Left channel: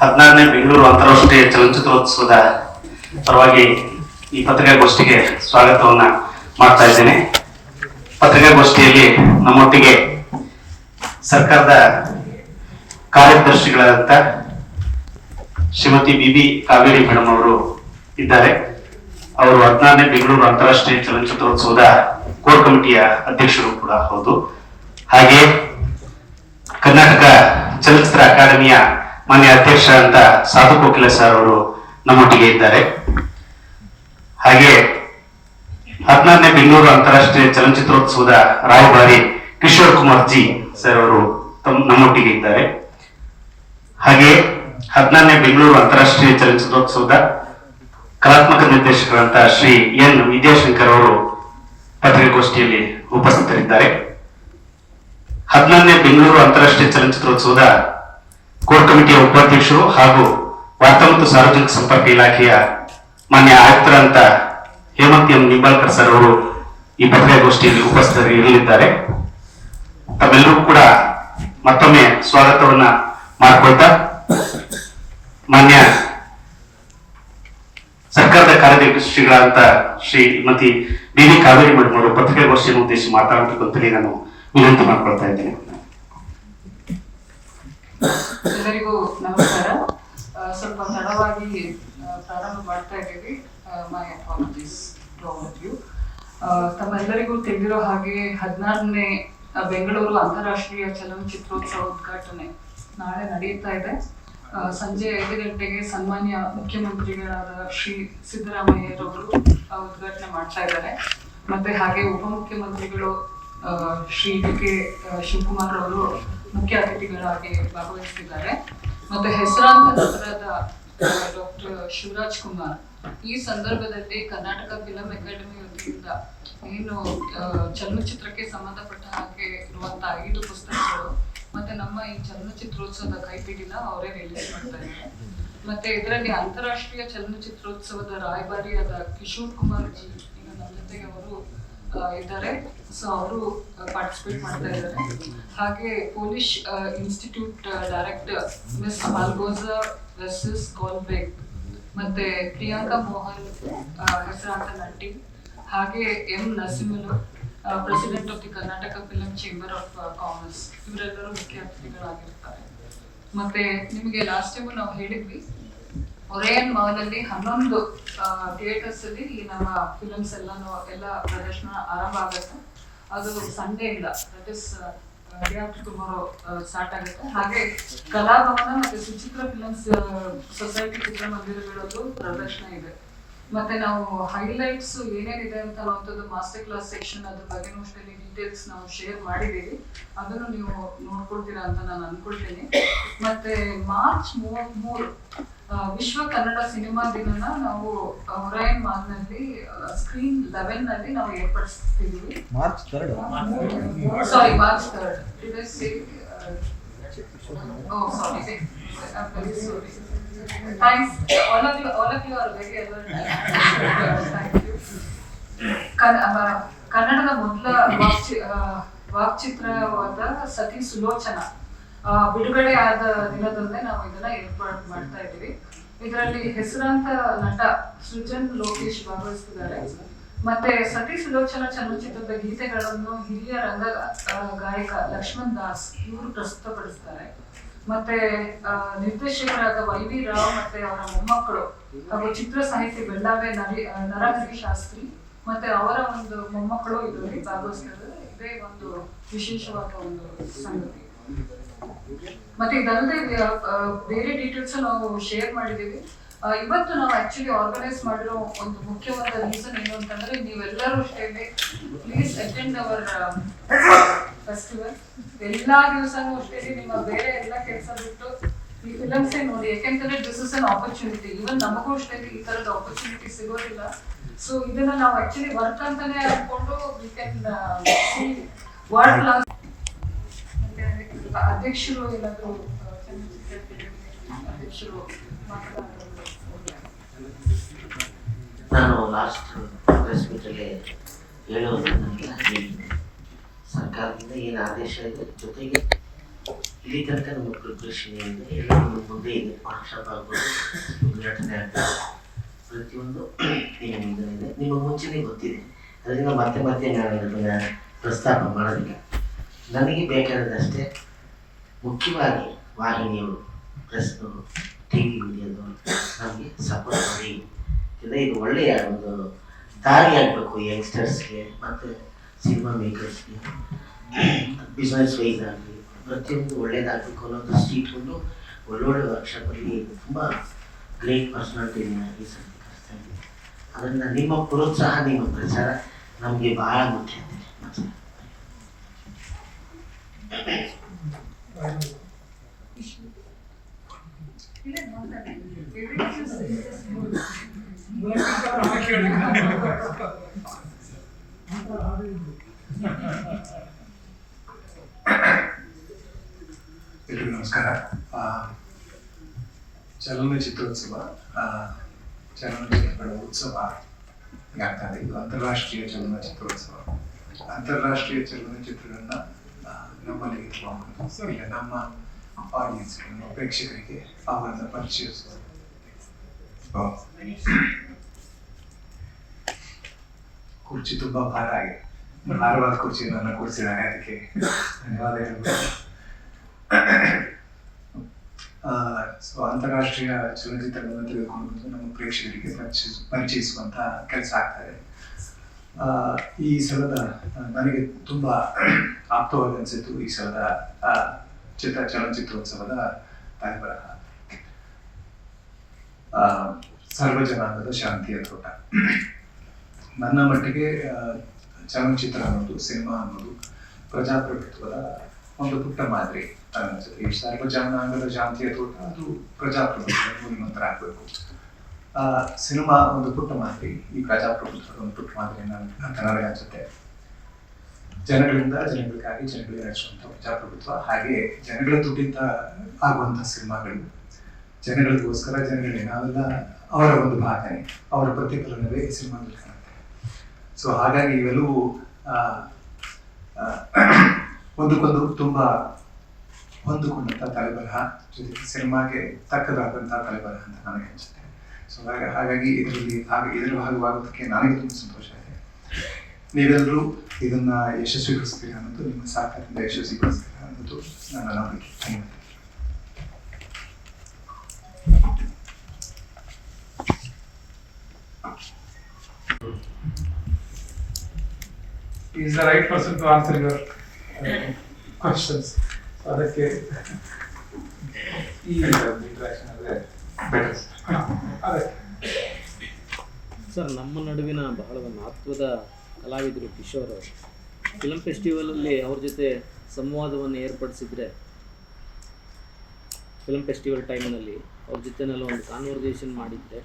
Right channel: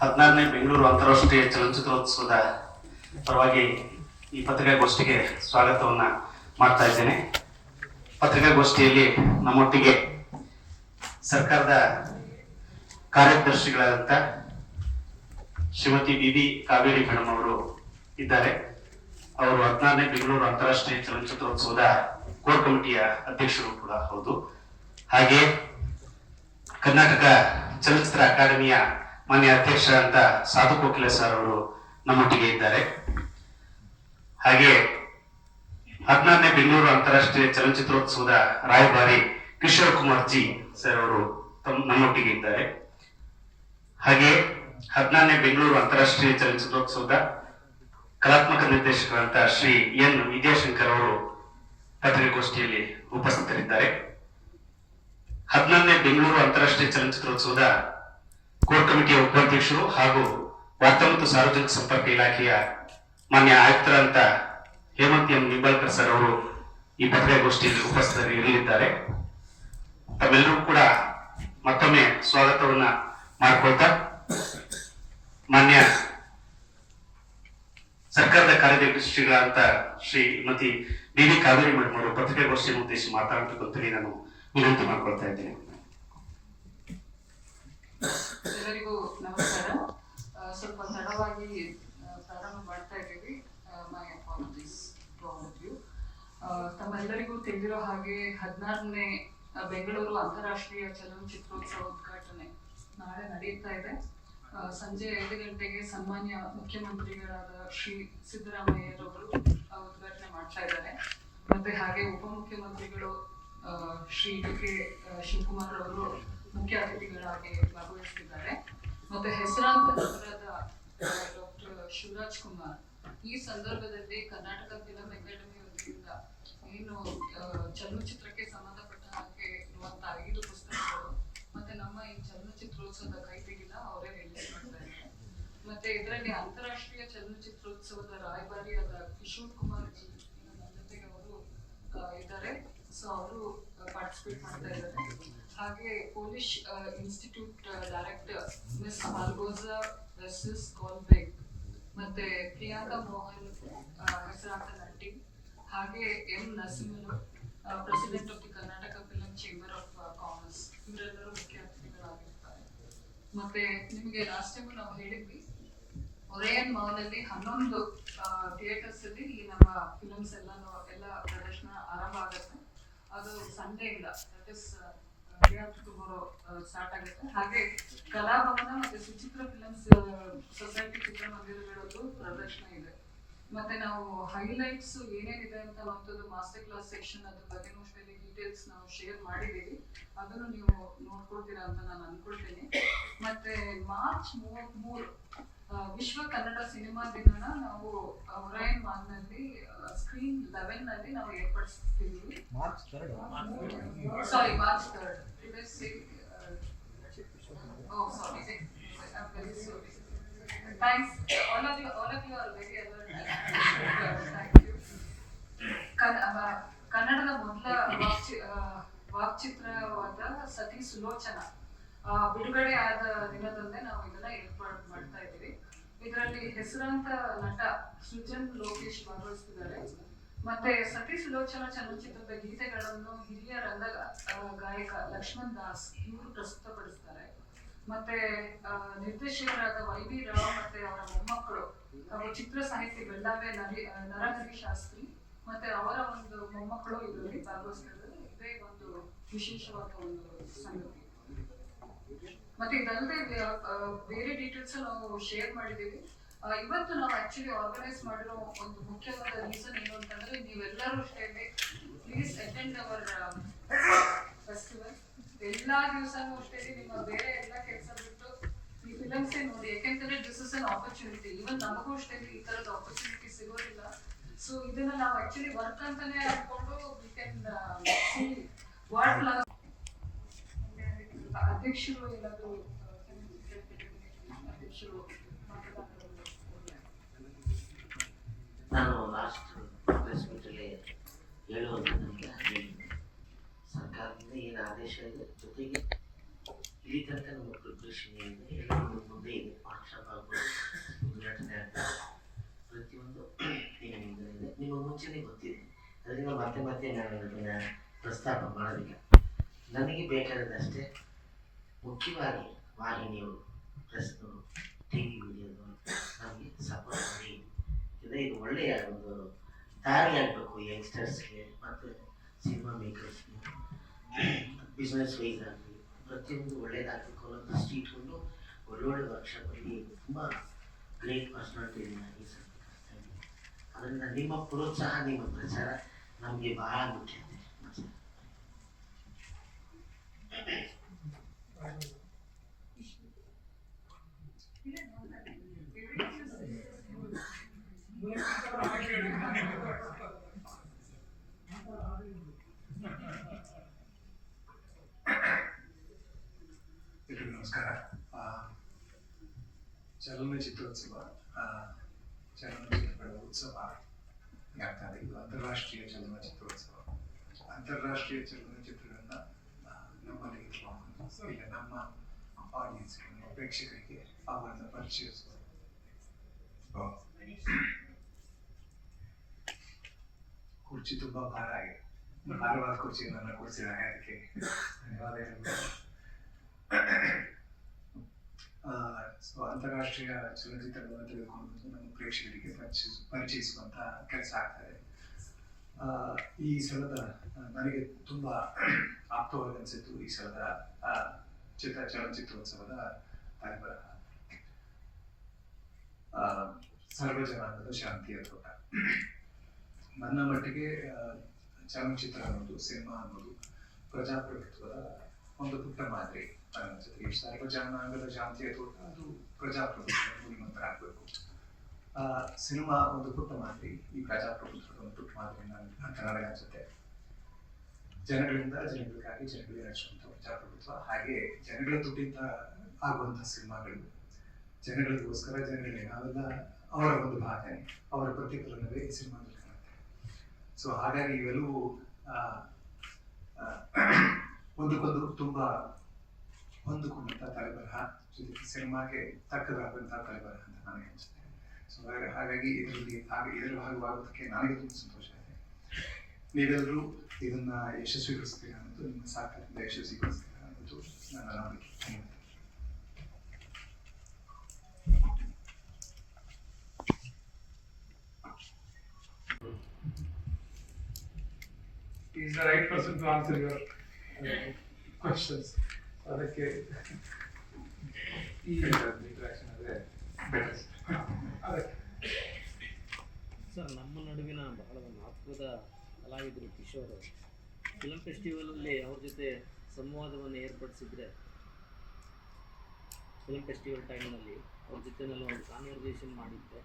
ಹದಿನಾರನೇ ಬೆಂಗಳೂರು ಅಂತಾರಾಷ್ಟ್ರೀಯ ಚಲನಚಿತ್ರೋತ್ಸವದ ಪರವಾಗಿ ಈ ಪತ್ರಿಕಾಗೋಷ್ಠಿಗೆ ಸ್ವಾಗತವನ್ನ ಮಾಡ್ತಾ ಇದ್ದೇನೆ. ಪತ್ರಿಕಾಗೋಷ್ಠಿಯಲ್ಲಿ ನಮ್ಮೊಟ್ಟಿಗೆ ಸರ್ಕಾರದ ಕಾರ್ಯದರ್ಶಿಗಳಾದಂಥ ಶ್ರೀಮತಿ ಬಿ ಕಾವೇರಿ ಮೇಡಮ್ ಅವರು ಇದ್ದಾರೆ. ಅವರು ಹದಿನಾರನೇ ಬೆಂಗಳೂರು ಅಂತಾರಾಷ್ಟ್ರೀಯ ಚಲನಚಿತ್ರೋತ್ಸವದ ಕೋರ್ ಕಮಿಟಿಯ ಅಧ್ಯಕ್ಷರು ಕೂಡ ಹೌದು. ಹಾಗೆ ಕರ್ನಾಟಕ ಚಲನಚಿತ್ರ ಅಕಾಡೆಮಿಯ ಮಾನ್ಯ ಅಧ್ಯಕ್ಷ ಅಂತ ಸಾಧು ಕೋಕಿಲ ಸರ್ ಅವರು ನಮ್ಮೊಟ್ಟಿಗೆ ಇದ್ದಾರೆ. ಹಾಗೆ ಹದಿನಾರನೇ ಬೆಂಗಳೂರು ಅಂತಾರಾಷ್ಟ್ರೀಯ ಚಲನಚಿತ್ರೋತ್ಸವದ ರಾಯಭಾರಿ ಕಿಶೋರ್ ಕುಮಾರ್ ಜಿ ಸರ್ ಅವರು ನಮ್ಮೊಟ್ಟಿಗೆ ಇದ್ದಾರೆ. ಹಾಗೆ ಹದಿನಾರನೇ ಬೆಂಗಳೂರು ಅಂತಾರಾಷ್ಟ್ರೀಯ ಚಲನಚಿತ್ರೋತ್ಸವದ ಕಲಾತ್ಮಕ ನಿರ್ದೇಶಕರಂತ ಶ್ರೀ ಎನ್ ವಿದ್ಯಾಶಂಕರ್ ಅವರು ಪತ್ರಿಕಾಗೋಷ್ಠಿಯಲ್ಲಿ ಉಪಸ್ಥಿತರಿದ್ದಾರೆ. ಹದಿನಾರನೇ ಬೆಂಗಳೂರು ಅಂತಾರಾಷ್ಟ್ರೀಯ ಚಲನಚಿತ್ರೋತ್ಸವದ ಕೋರ್ ಕಮಿಟಿಯ ಉಪಾಧ್ಯಕ್ಷರು ಹಾಗೂ ವಾರ್ತಾ ಮತ್ತು ಸಾರ್ವಜನಿಕ ಸಂಪರ್ಕ ಇಲಾಖೆಯ ಮಾನ್ಯ ಆಯುಕ್ತರಂತ ಹೇಮಂತ್ ಎಂ ನಿಂಬಾಳ್ಕರ್ ಸರ್ ಅವರು ಈ ಪತ್ರಿಕಾಗೋಷ್ಠಿಯಲ್ಲಿ ಉಪಸ್ಥಿತರಿರಲಿದ್ದಾರೆ ತಮ್ಮೆಲ್ಲರೂ ಕೂಡ ಮತ್ತೊಮ್ಮೆ ಸ್ವಾಗತವನ್ನ ಮಾಡಿಕೊಳ್ತಾ ಮಾನ್ಯ ಸರ್ಕಾರದ ಕಾರ್ಯದರ್ಶಿಗಳಾದಂತ Shrimati D V Kaveri madam ಅವರು ಪತ್ರಿಕಾಗೋಷ್ಠಿಯನ್ನು ಉದ್ದೇಶಿಸಿ ಮಾತಾಡಬೇಕು ಅಂತೇಳಿ ನಾನು ವಿನಂತಿ ಮಾಡ್ಕೊಳ್ತಾ ಇದ್ದೇನೆ. ಎಲ್ಲರಿಗೂ ನಮಸ್ಕಾರ. ಸ್ವಲ್ಪ ತಡವಾಗಿ ಪ್ರಾರಂಭ ಮಾಡ್ತಾ ಇದ್ದೀವಿ. My apologies you. ತಮ್ಮೆಲ್ಲರಿಗೂ ತಿಳಿದಿರೋ ಹಾಗೆ ಹದಿನಾರನೇ ಬೆಂಗಳೂರು ಅಂತಾರಾಷ್ಟ್ರೀಯ ಚಲನಚಿತ್ರೋತ್ಸವ ಉದ್ಘಾಟನೆ ನಾಳೆ ನಡೆಯುತ್ತಾ ಇದೆ. ಸಂಜೆ ಐದು ಗಂಟೆಗೆ ಸನ್ಮಾನ್ಯ ಮುಖ್ಯಮಂತ್ರಿಗಳಾದ ಶ್ರೀ ಸಿದ್ದರಾಮಯ್ಯರವರು ಉದ್ಘಾಟನೆ ಮಾಡ್ತಾ ಇದ್ದಾರೆ. ಮತ್ತೆ ಹಾಗೆ ಉಪಮುಖ್ಯಮಂತ್ರಿಗಳು ಶ್ರೀ ಡಿ ಕೆ ಶಿವಕುಮಾರ್ ಅವರು ಮುಖ್ಯ ಅತಿಥಿಗಳಾಗಿ ಭಾಗವಹಿಸಿದ್ದಾರೆ ಮತ್ತೆ ಹೆಸರಾಂತ ನಟರಾದ ಡಾಕ್ಟರ್ ಶಿವರಾಜ್ ಕುಮಾರ್, ಈ ಸಂದರ್ಭದಲ್ಲಿ ಕರ್ನಾಟಕ ಫಿಲಂ ಅಕಾಡೆಮಿ ವತಿಯಿಂದ ಏನು ಚಲನಚಿತ್ರಕ್ಕೆ ಸಂಬಂಧಪಟ್ಟ ಹಾಗೆ ಇರುವಂತ ಐದು ಪುಸ್ತಕಗಳು, ಮತ್ತೆ ನಮ್ಮ ಈ ಚಲನಚಿತ್ರೋತ್ಸವದ ಕೈಪಿಡಿನ ಅವರೇ ರಿಲೀಸ್ ಮಾಡ್ತಾ ಇದ್ದಾರೆ. ಮತ್ತೆ ಇದರಲ್ಲಿ ಅಂತಾರಾಷ್ಟ್ರೀಯ ಚಲನಚಿತ್ರೋತ್ಸವದ ರಾಯಭಾರಿಯಾದ ಕಿಶೋರ್ ಕುಮಾರ್ ಜಿ ನಮ್ಮ ಜೊತೆಗೆ ಅವರು ಇದ್ದಾರೆ. ಸೊ ಅವರು ಪಾರ್ಟಿಸಿಪೇಟ್ ಮಾಡ್ತಾ ಇದ್ದಾರೆ. ಹಾಗೆ Polish institute director miss Malgorzata versus ಗೋಲ್ಬೇಕ್ ಮತ್ತೆ ಪ್ರಿಯಾಂಕಾ ಮೋಹನ್ ಹೆಸರಾಂತ ನಟಿ. ಹಾಗೆ M. Narasimhan president of the Karnataka film chamber of commerce ಇವರೆಲ್ಲರೂ ಮುಖ್ಯ ಅತಿಥಿಗಳಾಗಿರ್ತಾರೆ. ಮತ್ತೆ ನಿಮಗೆ ಲಾಸ್ಟ್ ಟೈಮು ನಾವು ಹೇಳಿದ್ವಿ ಒರೇಯನ್ ಮಾಲಲ್ಲಿ ಹನ್ನೊಂದು ಥಿಯೇಟರ್ಸ್ ಅಲ್ಲಿ ಈ ನಮ್ಮ ಫಿಲಮ್ಸ್ ಎಲ್ಲಾನು ಎಲ್ಲ ಪ್ರದರ್ಶನ ಆರಂಭ ಆಗುತ್ತೆ. ಅದು ಸಂಡೇ ಇಂದ ದಟ್ ಇಸ್ ಟುಮಾರೋ ಸ್ಟಾರ್ಟ್ ಆಗುತ್ತೆ. ಹಾಗೆ ಕಲಾಭವನ ಮತ್ತೆ ಸುಚಿತ್ರ ಫಿಲಮ್ಸ್ ಸೊಸೈಟಿ ಚಿತ್ರಮಂದಿರಗಳದ್ದು ಪ್ರದರ್ಶನ ಇದೆ. ಮತ್ತೆ ನಾವು ಹೈಲೈಟ್ಸ್ ಏನೇನಿದೆ ಅಂತ ಅನ್ನೋಂಥದ್ದು ಮಾಸ್ಟರ್ ಕ್ಲಾಸ್ ಸೆಕ್ಷನ್ ಅದ್ರ ಬಗ್ಗೆ ಅಷ್ಟೇ ಡೀಟೇಲ್ಸ್ ನಾವು ಶೇರ್ ಮಾಡಿದ್ದೀವಿ. ಅದನ್ನು ನೀವು ನೋಡ್ಕೊಳ್ತೀರಾ ಅಂತ ನಾನು ಅನ್ಕೊಳ್ತೀನಿ. ಮತ್ತೆ ಮಾರ್ಚ್ ಮೂವತ್ತ್ ಮೂರು ವಿಶ್ವ ಕನ್ನಡ ಸಿನಿಮಾ ದಿನನ ನಾವು ಹೊರೈನ್ ಮಾಲ್ನಲ್ಲಿ ಸ್ಕ್ರೀನ್ ಲೆವೆನ್ನಲ್ಲಿ ನಾವು ಏರ್ಪಡಿಸ್ತಿದ್ದೀವಿ March third sorry March third it sorry. I'm very all Thanks. You are you, all you very alert. Thank you. ಕನ್ನಡದ ಮೊದಲ ವಾಕ್ಚಿ ವಾಕ್ಚಿತ್ರವಾದ ಸತಿ ಸುಲೋಚನ ಬಿಡುಗಡೆ ಆದ ದಿನದಲ್ಲೇ ನಾವು ಇದನ್ನ ಏರ್ಪಾಡು ಮಾಡ್ತಾ ಇದ್ದೀವಿ. ಇದರಲ್ಲಿ ಹೆಸರಾಂತ ನಟ ಸೃಜನ್ ಲೋಕೇಶ್ ಭಾಗವಹಿಸ್ತಿದ್ದಾರೆ. ಮತ್ತೆ ಸತಿ ಸುಲೋಚನ ಚಲನಚಿತ್ರದ ಗೀತೆಗಳನ್ನು ಹಿರಿಯ ರಂಗ ಗಾಯಕ ಲಕ್ಷ್ಮಣ್ ದಾಸ್ ಇವರು ಪ್ರಸ್ತುತಪಡಿಸ್ತಾರೆ. ಮತ್ತೆ ನಿರ್ದೇಶಕರಾದ ವೈ ವಿ ರಾವ್ ಮತ್ತೆ ಅವರ ಮೊಮ್ಮಕ್ಕಳು ಹಾಗೂ ಚಿತ್ರ ಸಾಹಿತಿ ಬೆಳ್ಳಾವೆ ನರಿ ನರಹರಿ ಶಾಸ್ತ್ರಿ ಮತ್ತೆ ಅವರ ಒಂದು ಮೊಮ್ಮಕ್ಕಳು ಇದರಲ್ಲಿ ಭಾಗವಹಿಸ್ತಾರೆ ಇದೇ ಒಂದು ವಿಶೇಷವಾದ ಒಂದು ಸಂಗತಿ. ಮತ್ತೆ ಇದಲ್ಲದೆ ಬೇರೆ ಡೀಟೇಲ್ಸ್ ನಾವು ಶೇರ್ ಮಾಡಿದೀವಿ ಇವತ್ತು ನಾವು ಆಕ್ಚುಲಿ ಆರ್ಗನೈಸ್ ಮಾಡಿರೋ ಒಂದು ಮುಖ್ಯವಾದ ರೀಸನ್ ಏನು ಅಂತಂದ್ರೆ, ನೀವೆಲ್ಲರೂ ಅಷ್ಟೇ ಪ್ಲೀಸ್ ಅಟೆಂಡ್ ಅವರ್ ಫೆಸ್ಟಿವಲ್ ಎಲ್ಲಾ ದಿವಸನೂ ಅಷ್ಟೇ ನಿಮ್ಮ ಬೇರೆ ಎಲ್ಲ ಕೆಲಸ ಬಿಟ್ಟು ಈ ಫಿಲಮ್ಸ್ ನೋಡಿ, ಯಾಕೆಂತಂದ್ರೆ this is an opportunity even ನಮಗೂ ಅಷ್ಟೇ ಈ ತರದ ಆಪರ್ಚುನಿಟಿ ಸಿಗೋದಿಲ್ಲ. ಸೊ ಇದನ್ನ ನಾವು ಆಕ್ಚುಲಿ ವರ್ಕ್ ಅಂತಾನೆ ಅನ್ಕೊಂಡು ವಿ ಕ್ಯಾನ್ ಸಿ ಮತ್ತೆ ಅಧ್ಯಕ್ಷರು ಏನಾದರೂ ಅಧ್ಯಕ್ಷರು ನಾನು ಲಾಸ್ಟ್ ಪ್ರೆಸ್ ಮೀಟಲ್ಲಿ ಹೇಳೋದನ್ನೆಲ್ಲ ಸರ್ಕಾರದಿಂದ ಏನು ಆದೇಶ ಇದೆ, ಜೊತೆಗೆ ಇಲ್ಲಿ ತನಕ ನಮ್ಮ ಪ್ರಿಪ್ರೇಷನ್ ಏನಿದೆ ಎಲ್ಲ ಮುಂದೆ ಇದೆ. ವರ್ಕ್ಶಾಪ್ ಆಗ್ಬೋದು ಉದ್ಘಾಟನೆ ಆಗ್ಬೋದು ಪ್ರತಿಯೊಂದು ಇದೆ ನಿಮಗೆ ಮುಂಚೆನೇ ಗೊತ್ತಿದೆ. ಅದರಿಂದ ಮತ್ತೆ ಮತ್ತೆ ನಾನು ಅದನ್ನು ಪ್ರಸ್ತಾಪ ಮಾಡೋದಿಲ್ಲ. ನನಗೆ ಬೇಕಾದಷ್ಟೇ ಮುಖ್ಯವಾಗಿ ವಾಹಿನಿಯವರು ಪ್ರೆಸ್ಸು ಟಿ ವಿ ನಮಗೆ ಸಪೋರ್ಟ್ ಮಾಡಿ. ಇಲ್ಲ ಇದು ಒಳ್ಳೆಯ ಒಂದು ದಾರಿ ಆಗಬೇಕು ಯಂಗ್ಸ್ಟರ್ಸ್ಗೆ ಮತ್ತು ಸಿನಿಮಾ ಮೇಕರ್ಸ್ಗೆ ಬಿಸ್ನೆಸ್ ವೈಸ್ ಆಗಲಿ, ಪ್ರತಿಯೊಂದು ಒಳ್ಳೇದಾಗಬೇಕು ಅನ್ನೋ ದೃಷ್ಟಿ ಇಟ್ಕೊಂಡು ಒಳ್ಳೊಳ್ಳೆ ವರ್ಕ್ಶಾಪಲ್ಲಿ ತುಂಬ ಗ್ರೇಟ್ ಪರ್ಸನಾಲಿಟಿನ ಈ ಸರ್ತಿ ಕರೆಸ್ತಾ ಇದ್ದೀವಿ ಅದರಿಂದ ನಿಮ್ಮ ಪ್ರೋತ್ಸಾಹ, ನಿಮ್ಮ ಪ್ರಚಾರ ನಮಗೆ ಭಾಳ ಮುಖ್ಯ ಮತ್ತೆ ಎಲ್ರಿಗೂ ನಮಸ್ಕಾರ. ಚಲನಚಿತ್ರೋತ್ಸವ ಚಲನಚಿತ್ರಗಳ ಉತ್ಸವ ಆಗ್ತಾ ಇದೆ. ಅಂತಾರಾಷ್ಟ್ರೀಯ ಚಲನಚಿತ್ರೋತ್ಸವ ಅಂತಾರಾಷ್ಟ್ರೀಯ ಚಲನಚಿತ್ರಗಳನ್ನ ನಮ್ಮಲ್ಲಿ ಸೊ ಇಲ್ಲ ನಮ್ಮ ಆಡಿಯನ್ಸ್ ನಮ್ಮ ಪ್ರೇಕ್ಷಕರಿಗೆ ಅವರನ್ನು ಪರಿಚಯಿಸುವ. ಆ, ಕುರ್ಚಿ ತುಂಬಾ ಭಾರ ಆಗಿದೆ. ಭಾರವಾದ ಕುರ್ಚಿ ನನ್ನ ಕೂರಿಸಿದ್ದಾನೆ ಅದಕ್ಕೆ ಧನ್ಯವಾದಗಳು. ಸೊ ಅಂತಾರಾಷ್ಟ್ರೀಯ ಚಲನಚಿತ್ರಗಳನ್ನು ತೆಗೆದುಕೊಂಡು ನಮ್ಮ ಪ್ರೇಕ್ಷಕರಿಗೆ ಪರಿಚಯಿಸ ಪರಿಚಯಿಸುವಂತ ಕೆಲಸ ಆಗ್ತದೆ ಆ, ಈ ಸಲದ ನನಗೆ ತುಂಬ ಆಪ್ತವಾಗಿ ಅನಿಸಿತು ಈ ಸಲದ ಚಿತ್ರ, ಚಲನಚಿತ್ರೋತ್ಸವದ ತಾಯಿಬರಹ ಸರ್ವಜನಾಂಗದ ಶಾಂತಿಯ ತೋಟ ನನ್ನ ಮಟ್ಟಿಗೆ ಚಲನಚಿತ್ರ ಅನ್ನೋದು, ಸಿನಿಮಾ ಅನ್ನೋದು ಪ್ರಜಾಪ್ರಭುತ್ವದ ಒಂದು ಪುಟ್ಟ ಮಾದರಿ ಅನ್ನಿಸುತ್ತೆ ಈ ಸರ್ವಜನಾಂಗದ ಶಾಂತಿಯ ತೋಟ ಅದು ಪ್ರಜಾಪ್ರಭುತ್ವ ಮೂಲಮಂತ್ರ ಆಗಬೇಕು. ಸಿನಿಮಾ ಒಂದು ಪುಟ್ಟ ಮಾದರಿ ಈ ಪ್ರಜಾಪ್ರಭುತ್ವದ ಒಂದು ಪುಟ್ಟ ಮಾದರಿ ನನ್- ಅಂತ ನನಗೆ ಅನ್ಸುತ್ತೆ. ಜನಗಳಿಂದ ಜನಗಳಿಗಾಗಿ ಜನಗಳಿಗೆ ನಡೆಸುವಂಥ ಪ್ರಜಾಪ್ರಭುತ್ವ, ಹಾಗೆ ಜನಗಳ ದುಡ್ಡಿಂದ ಆಗುವಂಥ ಸಿನಿಮಾಗಳು. ಜನಗಳಿಗೋಸ್ಕರ ಜನಗಳಿಗೆ ನಾವೆಲ್ಲ ಅವರ ಒಂದು ಭಾಗನೆ, ಅವರ ಪ್ರತಿಫಲನವೇ ಈ ಸಿನಿಮಾದಲ್ಲಿ ಕಾಣುತ್ತೆ. ಸೊ ಹಾಗಾಗಿ ಇವೆಲ್ಲವೂ ಒಂದಕ್ಕೊಂದು ತುಂಬಾ ಹೊಂದಿಕೊಂಡಂಥ ತಲೆಬರಹ, ಜೊತೆಗೆ ಸಿನಿಮಾಗೆ ತಕ್ಕದಾದಂಥ ತಲೆಬರಹ ಅಂತ ನನಗೆ ಅನಿಸುತ್ತೆ. ಸೊ ಹಾಗಾಗಿ ಹಾಗಾಗಿ ಇದರಲ್ಲಿ ಭಾಗ ಇದರ ಭಾಗವಾಗೋದಕ್ಕೆ ನನಗೆ ತುಂಬ ಸಂತೋಷ ಇದೆ ನೀವೆಲ್ಲರೂ ಇದನ್ನ ಯಶಸ್ವಿಗೊಳಿಸ್ತೀರಾ ಅನ್ನೋದು ನಿಮ್ಮ ಸಾಕಾರದಿಂದ ಯಶಸ್ವಿಗೊಳಿಸ್ತೀರಾ ಅನ್ನೋದು ನನ್ನ ನಂಬಿಕೆ ಧನ್ಯವಾದ is the right person to answer your uh, questions. ಅದಕ್ಕೆ ಈ interaction ಅಂದ್ರೆ better. ಸರ್, ನಮ್ಮ ನಡುವಿನ ಬಹಳ ಮಹತ್ವದ ಕಲಾವಿದರು ಕಿಶೋರ್ ಅವರು. ಫಿಲಮ್ ಫೆಸ್ಟಿವಲಲ್ಲಿ ಅವ್ರ ಜೊತೆ ಸಂವಾದವನ್ನು ಏರ್ಪಡಿಸಿದ್ರೆ ಫಿಲಮ್ ಫೆಸ್ಟಿವಲ್ ಟೈಮ್ನಲ್ಲಿ ಅವ್ರ ಜೊತೆನೆಲ್ಲ ಒಂದು ಕಾನ್ವರ್ಸೇಷನ್ ಮಾಡಿದ್ದೆ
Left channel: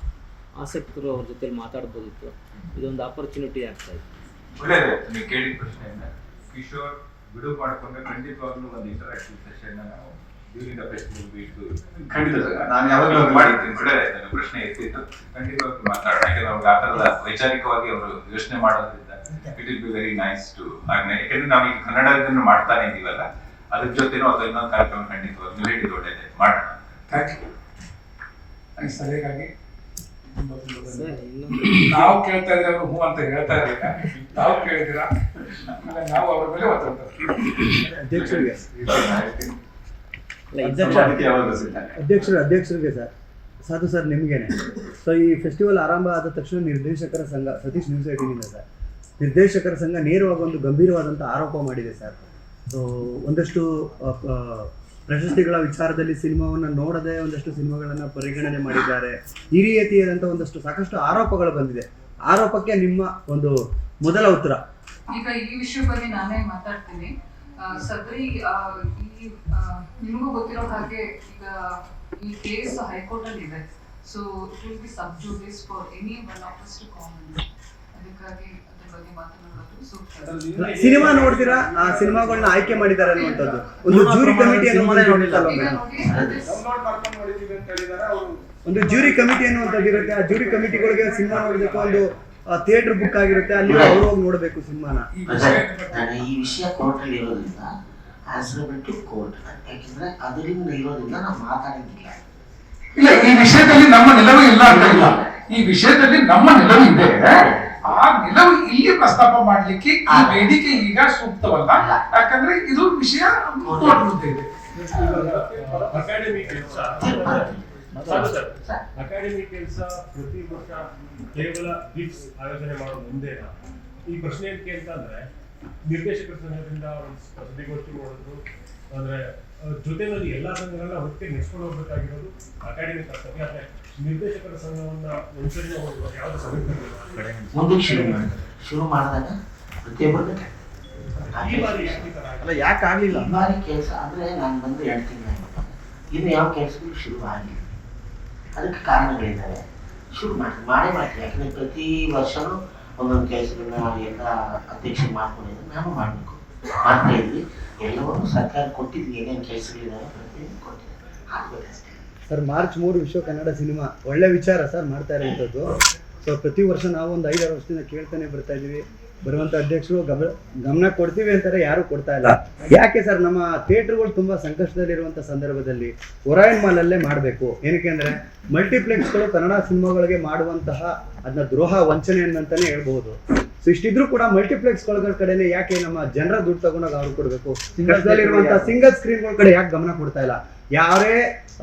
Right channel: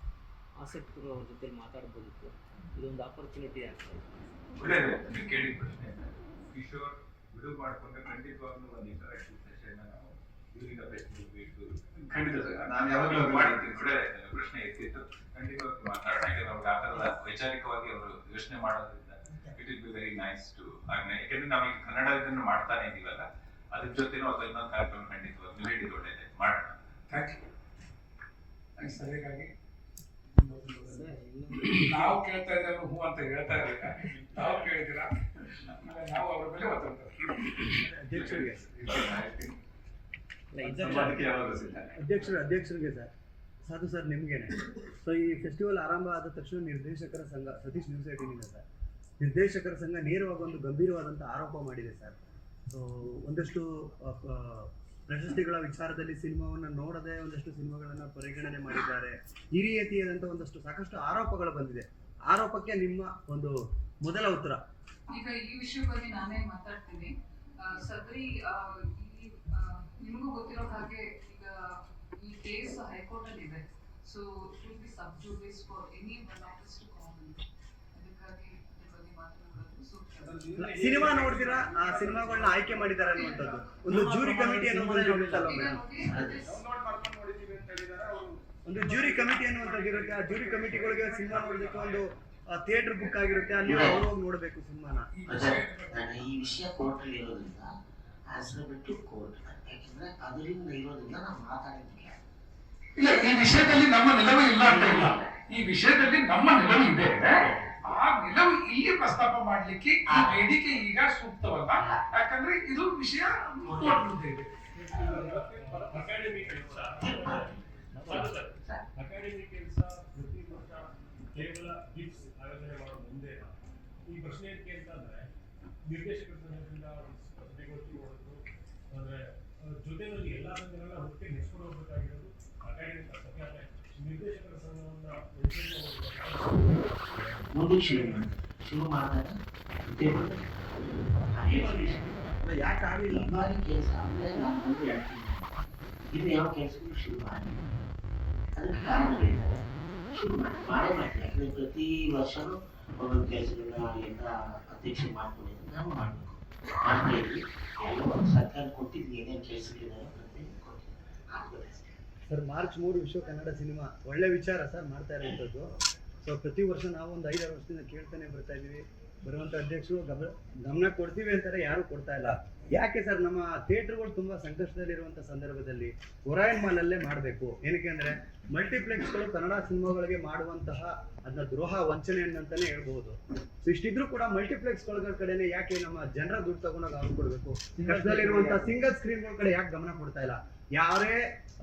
ಆಸಕ್ತರು ಅವ್ರ ಜೊತೆ ಮಾತಾಡ್ಬೋದಿತ್ತು. ಇದೊಂದು ಆಪರ್ಚುನಿಟಿ ಆಗ್ತಾ ಇತ್ತು. ಕೇಳಿದ ಪ್ರಶ್ನೆಯನ್ನ ಕಿಶೋರ್ ಬಿಡುವು ಮಾಡಿಕೊಂಡ್ರೆ ಖಂಡಿತವಾಗ್ಲೂ ಒಂದು ಇಂಟರಾಕ್ಟಿವ್ ಸೆಷನ್ ನಾವು ಡ್ಯೂರಿಂಗ್ ದ ಖಂಡಿತ ನಾನು ಯಾವಾಗಲೂ ಮಾಡಿದ್ದೀನಿ ನನ್ನ ಪ್ರಶ್ನೆ ಎತ್ತಿತ್ತು. ಖಂಡಿತವಾಗಿ ಮಾತಾಡೋಣ. ಯಾಕಂದ್ರೆ ಅವ್ರಿಗೆ ಆ ಥರದ ವೈಚಾರಿಕವಾಗಿ ಅವರು ಯೋಚನೆ ಮಾಡೋದ್ರಿಂದ it will be very nice to ಯಾಕಂದ್ರೆ ನಾವು ಈಗ ಕನ್ನಡ ಇದನ್ನು ಮಾಡ್ತಾನೆ ಇದೀವಲ್ಲ ಅದ್ರ ಜೊತೆನೂ ಅಥವಾ ಇನ್ನೊಂದು ಕಾರ್ಯಕ್ರಮ ಖಂಡಿತವಾಗಿ ನೀವು ಹೇಳಿದ್ದು ಮಾಡೋಣ. ಥ್ಯಾಂಕ್ ಯು ಥ್ಯಾಂಕ್ಸ್ ಸಲಹೆಗಾಗಿ ತುಂಬ ತುಂಬ ಸರ್ ಧನ್ಯವಾದ. ನಾವು ಕೇಳ್ತಾ ಇದ್ರೆ ಅವರು ಹ್ಞೂ ಅಂತ ಹೇಳ್ತಾ ಇರಲಿಲ್ಲ ತಾವು ಕೇಳಿದಿರ ನಾವು ಅವ್ರ ಮೇಲೆ ಒತ್ತಡ ಅಧ್ಯಕ್ಷರು ಅಧ್ಯಕ್ಷರಿಗೆ ಸರ್. ಸಾಧು ಸರ್ ನಿಮಗೇನೆ. ಸೊ ಈ ಫೆಸ್ಟಿವಲ್ ಆರಂಭ ಆದ ತಕ್ಷಣ ನಿರ್ದೇಶಕರ ಸಂಘ ಸತೀಶ್ ನ್ಯೂಸ್ ಏಟಿನಿಂದ ಸರ್. ನಿರ್ದೇಶಕರ ಸಂಘ ನೇರವಾಗಿ ಒಂದು ಗಂಭೀರವಾದಂಥ ಆರೋಪ ಮಾಡಿದೆ ಸರ್. ಸೊ ಒಂದಷ್ಟು ಪ್ರಶಸ್ತಿಗಳ ವಿಚಾರದಲ್ಲಿ ಸಿನಿಮಾವನ್ನು ನೋಡದೆ ಒಂದಷ್ಟು ಸಿನಿಮಾಗಳನ್ನು ಪರಿಗಣನೆ ಮಾಡಿದ್ದಾರೆ. ಈ ರೀತಿಯಾದಂಥ ಒಂದಷ್ಟು ಸಾಕಷ್ಟು ಆರೋಪಗಳು ಬಂದಿದೆ. ಆರೋಪಕ್ಕೆ ನಿಮ್ಮ ಒಂದು ಮೊದಲ ಉತ್ತರ. ಈಗ ಈ ವಿಷಯ ಬಗ್ಗೆ ನಾನೇ ಮಾತಾಡ್ತೀನಿ. ಸದ್ರಿ ನಿಮಗೂ ಗೊತ್ತಿರೋ ಹಾಗೆ ಈಗ ಈ ಕೇಸ್ ಹೈಕೋರ್ಟ್ ಅಲ್ಲಿ ಇದೆ so it will be sub judice for any one of us to comment ಅದಕ್ಕಾಗಿ ಅದ್ರ ಬಗ್ಗೆ ಮಾತನಾಡೋದು. ಸೂಕ್ತ ಸಿನಿಮಾ ನೋಡ್ತೀರಾ? ಆ ಸಿನಿಮಾಗಳನ್ನ ಆಯ್ಕೆ ಮಾಡಿದ್ದಾರೆ ಅನ್ನುವಂಥದ್ದು. ಒಂದು ಜೂರಿ ಕಮಿಟಿ ಒಂದು ಜೂರಿ ಕಮಿಟಿ ಅನ್ನುವಂಥದ್ದು ಇರುತ್ತೆ. ಆ ಜೂರಿ ಕಮಿಟಿಗಳಿಗೆ ಸಿನಿಮಾ ನೋಡಬೇಕು ಒಂದು ಥಿಯೇಟರ್ ಬುಕ್ ಆಗಿರುತ್ತೆ. ಅಲ್ಲಿ ಅವ್ರು ಹೋಗಿ ನೋಡಬೇಕು ಸಿನಿಮಾನ. ಈ ವಿಷಯ ವಿಷಯ ಕೋರ್ಟಲ್ಲಿ ಇರೋದ್ರಿಂದ ಆನ್ಸರಬಲ್ ಟು ಕೋರ್ಟ್ ಯಾಕೆಂದ್ರೆ ಅದರಿಂದ ಇರೋದ್ರಿಂದ ನಾವು ಮಾತಾಡಿದ್ದಿಲ್ಲ ಇಲ್ಲ. ಈ ವಿಷಯದಲ್ಲಿ ನಮ್ಮ ನಿಲುವು ಇಲ್ಲ ಅಂತ ಇಲ್ಲ. ಈ ವಿಷಯದಲ್ಲಿ ನಮ್ಮ ನಿಲುವು ಇದೆ. ಆ ನಿಲುವು ಇಲ್ಲಿ ಪ್ರಸ್ತಾಪ ಮಾಡ್ಲಿಕ್ಕೆ ಆ ವೇದಿಕೆ ಈಗ ಸೂಕ್ತವಲ್ಲ? ಯಾಕಂದ್ರೆ ಇದು ವಿಷಯ ಕೋರ್ಟ್ ಮುಂದೆ ಇದೆ. ಅಕಾಡೆಮಿ ಕೆಲಸ. ಸರ್ ಅಕಾಡೆಮಿ ಕೆಲಸ ಪ್ರತಿ ವರ್ಷ ಕೇವಲ ಗಿಫ್ಟ್ಸ್ ಆಯೋಜನೆ ಮಾಡೋ ಮುಂದೆ ಈ ಪ್ರಶ್ನೆ ಏನಕ್ಕೆ ಅಂತಂದ್ರೆ ನಿರ್ದೇಶಕರ ಸಂಘದಿಂದ ಒಂದು ಸುದ್ದಿಗೋಷ್ಠಿ ಮಾಡಿದ್ರು ಅಂದ್ರೆ ಜೊತೆನಲ್ಲಿ ಎಲ್ಲಾ ಸಂಘಗಳನ್ನ ಒಟ್ಟಿಗೆ ನೆಚ್ಕೊಂಡು ಹೋಗ್ಬೇಕಾಗಿರೋದು ಅಕಾಡೆಮಿ ಕರ್ತವ್ಯ. ಆದ್ರೆ ನಿರ್ದೇಶಕರ ಸಂಘವನ್ನ ಒಂದ್ಸರಿ ಸಂಘ ಶುರು ಮಾಡಿ ಶುರು ಮಾಡಿದಾಗ? ಅಲ್ಲ ಯಾಕೆ ಆಗ್ಲಿಲ್ಲ? ಈ ಬಾರಿ ಕೆಲಸ ಅಂದ್ರೆ ನಾನು ಬಂದು ಹೇಳ್ತೀನಿ ತಿಂಗಳು ಇನ್ನು ಯಾವ ಕೆಲಸಗಳು ಶುರು ಆಗಿಲ್ಲ. ಅದಕ್ಕೆ ಕಾರಣಗಳಿದ್ದಾವೆ. ಶುರು ಮಾಡಿ ಮಾಡೇ ಮಾಡ್ತೀನಿ ಯಾಕಂದ್ರೆ ಪ್ರತಿ ವರ್ಷನೂ ಒಂದೊಂದು ಕೆಲಸಗಳನ್ನ ಎಲ್ಲ ಅಧ್ಯಕ್ಷರು ಮಾಡ್ಕೊಂಡಿದ್ದಾರೆ ನಾನು ಮಾಡಬೇಕು. ಮಾಡ್ತಾ ಇದ್ವಿ ಎಲ್ಲವನ್ನೂ ಸರ್ಕಾರ ಕೊಟ್ಟಿದ್ವಿ ಏನೇನು ಕೆಲಸಗಳಿದ್ದಾವೆ ಪ್ರತಿಯೊಂದು ಆಗ್ಬೇಕಷ್ಟೇ ಸರ್ ಮಾರ್ಚ್ ಮೂರು ವಿಶ್ವ ಕನ್ನಡ ಸಿನಿಮಾ. ಒಳ್ಳೆ ವಿಚಾರ ಸರ್ ಮಾಡ್ತಾ ಇರುವಂಥದ್ದು ಸೊ ಪ್ರತಿ ವರ್ಷ ನಾವು ಒಂದು ಐದಾರು ವರ್ಷದಿಂದ ಕೇಳ್ತಾನೆ ಬರ್ತಾ ಇದೀವಿ ಬರುವಂತ ಅಧ್ಯಕ್ಷರು ಗಮನ ಗಮನ ಕೊಡ್ತೀವಿ ಅಂತಾರೆ ಯಾರು ಕೊಡ್ತಾ ಇಲ್ಲ. ಯಾಕೆ ಸರ್ ನಮ್ಮ ಥಿಯೇಟರ್ಗಳು ತುಂಬಾ ಸಂಕಷ್ಟದಲ್ಲಿರುವಂಥ ಸಂದರ್ಭದಲ್ಲಿ ಒರಾಯನ್ ಮಾಲ್ ಅಲ್ಲೇ ಮಾಡಬೇಕು. ಏನಕ್ಕೆ ಅಂದ್ರೆ ಮಲ್ಟಿಪ್ಲೆಕ್ಸ್ಗಳು ಕನ್ನಡ ಸಿನಿಮಾಗಳಿಗೆ ಮಾಡುವಂತಹ ಅದನ್ನ ದ್ರೋಹ ವಂಚನೆ ಅಂತಾನೆ ಹೇಳ್ಬಹುದು. ಸೊ ಇಷ್ಟಿದ್ರು ಕೂಡ ಮಲ್ಟಿಪ್ಲೆಕ್ಸ್ಗಳ ಕಡೆನೆ ಯಾಕೆ ನಮ್ಮ ಜನರ ದುಡ್ಡು ತಗೊಂಡಾಗ ಅವ್ರು ಕೊಡಬೇಕು? ಕಷ್ಟದಲ್ಲಿರುವಂತಹ ಸಿಂಗಲ್ ಸ್ಕ್ರೀನ್ಗಳ ಕಡೆ ಯಾಕೆ ಗಮನ ಕೊಡ್ತಾ ಇಲ್ಲ? ಯಾರೇ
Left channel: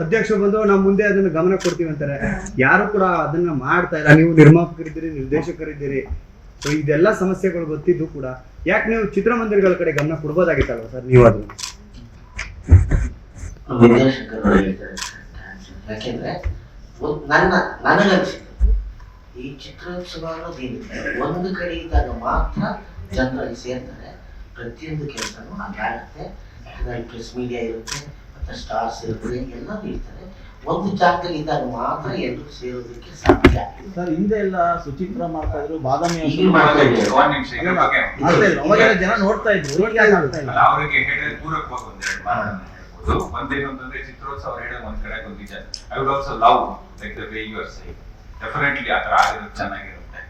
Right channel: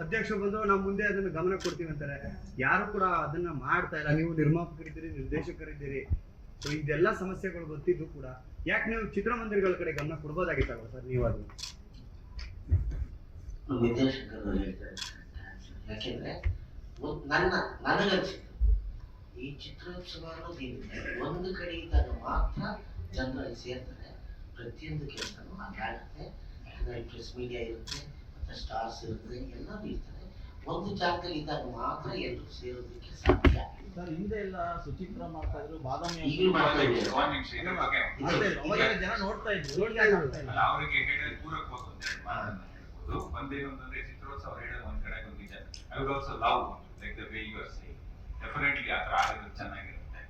ಅಧ್ಯಕ್ಷರು ಬಂದು ನಮ್ ಮುಂದೆ ಅದನ್ನ ಗಮನ ಕೊಡ್ತೀವಿ ಅಂತಾರೆ. ಯಾರು ಕೂಡ ಅದನ್ನ ಮಾಡ್ತಾ ಇಲ್ಲ. ನೀವು ನಿರ್ಮಾಪಕರಿದ್ದೀರಿ, ನಿರ್ದೇಶಕರಿದ್ದೀರಿ. ಸೊ ಇದೆಲ್ಲ ಸಮಸ್ಯೆಗಳು ಗೊತ್ತಿದ್ದು ಕೂಡ ಯಾಕೆ ನೀವು ಚಿತ್ರಮಂದಿರಗಳ ಕಡೆ ಗಮನ ಕೊಡ್ಬೋದಾಗಿತ್ತಲ್ವ ಸರ್ ನೀವು ಅದನ್ನ? ಯಾಕೆಂದ್ರೆ ನನಗನ್ಸಿದ್ದು ಈ ಚಿತ್ರೋತ್ಸವ ಅನ್ನೋದೇನಿದೆ ಒಂದು ಕಡೆ ಇದ್ದಾಗ ಮಾತ್ರ ಜನರಲ್ಲಿ ಸೇರ್ತಾರೆ. ಪ್ರತಿಯೊಂದು ಕೆಲಸನೂ ಹಾಗಾಗುತ್ತೆ ಯಾಕಂದ್ರೆ ಪ್ರೆಸ್ ಮೀಡಿಯಾ ಇರುತ್ತೆ ಮತ್ತೆ ಸ್ಟಾರ್ಸ್ ಇರುತ್ತೆ ಎಲ್ಲರೂ ಇರ್ತಾರೆ. ಒಂದು ಜಾಗದಲ್ಲಿ ಇದ್ದಾಗ ಮಾತ್ರ ಎಲ್ಲರೂ ಸೇರೋದಕ್ಕೆ ಸಾಧ್ಯ. ಸರ್ ಹಿಂದೆ ಎಲ್ಲ ಸುಚಿತ್ರ ಮಾಡ್ತಾ ಇದ್ರು ಬಾದಾಮಿ ಜನ ನೋಡ್ತಾ ಇದ್ರು. ಅವರಿಗೆ ಹೇಳಿದ್ರೆ ಪೂರಕವಾಗಿ ಒಂದೆರಡು ಹೇಳ್ಬೋದು. ಅಂತಂದ್ರೆ ಚಿತ್ರೋತ್ಸವ ಹೇಳೋದು ಒಂದ್ ಕಡೆ ಒಂದು ನಿಜ I would also love like the way you are say definitely ಆ ಥರ ಆಗಿರೋದು ಚೆನ್ನಾಗಿರುತ್ತೆ.